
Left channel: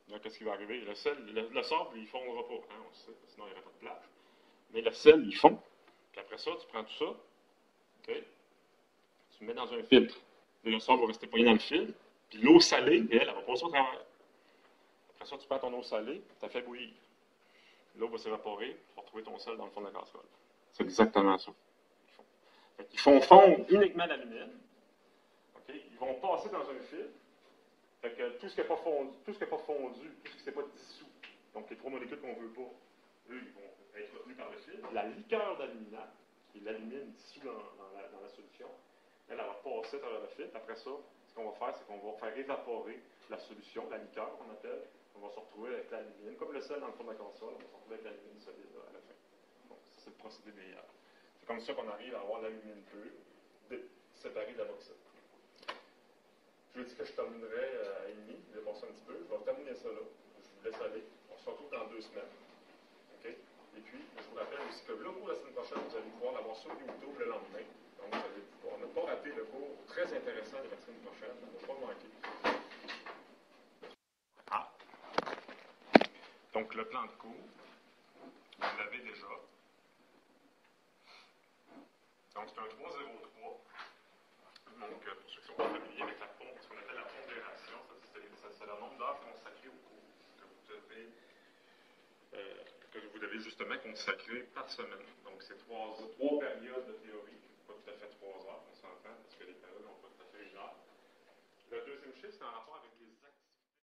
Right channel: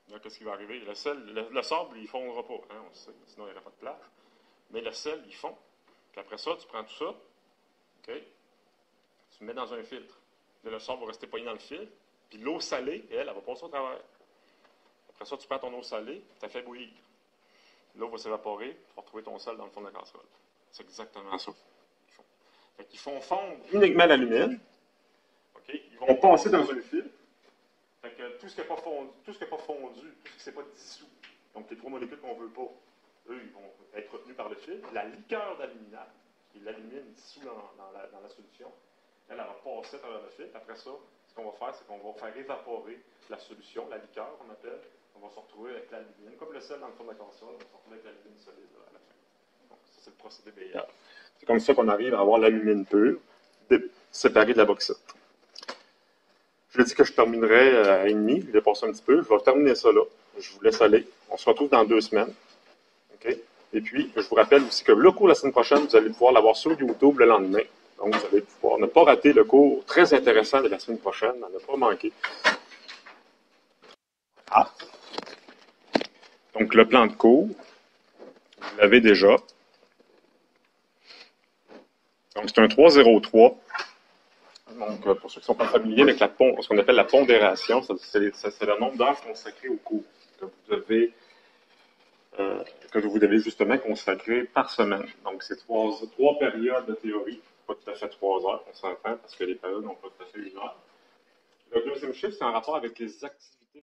Là, qu'est-ce qui va arriver? Le sel, le sable, il ne fondra pas, hein, on le sait, sinon il n'y aurait pas de plage. Mais le sel, il fond. Puis après ça, tu prends tout ça, OK? Tu le mets dans un filtre. Et le sable va rester poigné dans le filtre. Puis l'eau salée, elle va passer au travers. Après ça, tu prends ton eau salée, tu la fais bouillir. L'eau va s'évaporer, tu vas retrouver ton sel dans le fond de la casserole. C'est exactement ça. Ils font fondre uniquement l'alumine. Okay? Ils vont passer dans un filtre. Fait que tout ce qui n'est pas fondu, tout ce qui n'est pas dissous, donc les 3 molécules qu'on ne veut pas, eux, ils vont être retenus par le filtre. La liqueur d'aluminate, qui est l'alumine dissous dans la solution, elle va passer à travers le filtre. Après ça, ce qu'on va faire, c'est qu'on va faire évaporer la solution, la liqueur qu'on appelle. On va se retrouver avec l'alumine, comme le sel dans le fond de la casserole, on va se retrouver avec l'alumine solide là, à la fin. Donc, ça, c'est le procédé Maillard. C'est comme ça qu'on arrive à avoir l'alumine pure, séparée de la bauxite. Je dis que je terminerai à 1h30, je vais passer un petit peu. Je vais terminer ça là. Je vous laisse aller. On se retrouve dans 2 semaines. Okay? Et puis, je vous rappelle aussi que le cours la semaine prochaine, vous allez pouvoir l'avoir sur YouTube le lendemain. Donc, vous allez pouvoir ne pas rater le cours très intéressant de la semaine prochaine, à ne pas manquer. Ah! Donc, le plan de cours, vous l'avez déjà. Donc, c'est un 303. Donc, pour ceux qui ne sont pas familiers avec ce qu'on appelle la pondération, c'est le nombre d'heures consacrées au cours que vous devez justement consacrer par semaine. Donc, c'est 3 périodes de théorie, pas tout à fait 3 heures, on s'entend, parce que les périodes n'ont pas tout à fait 1 heure. Le deuxième chiffre, c'est en rapport avec les activités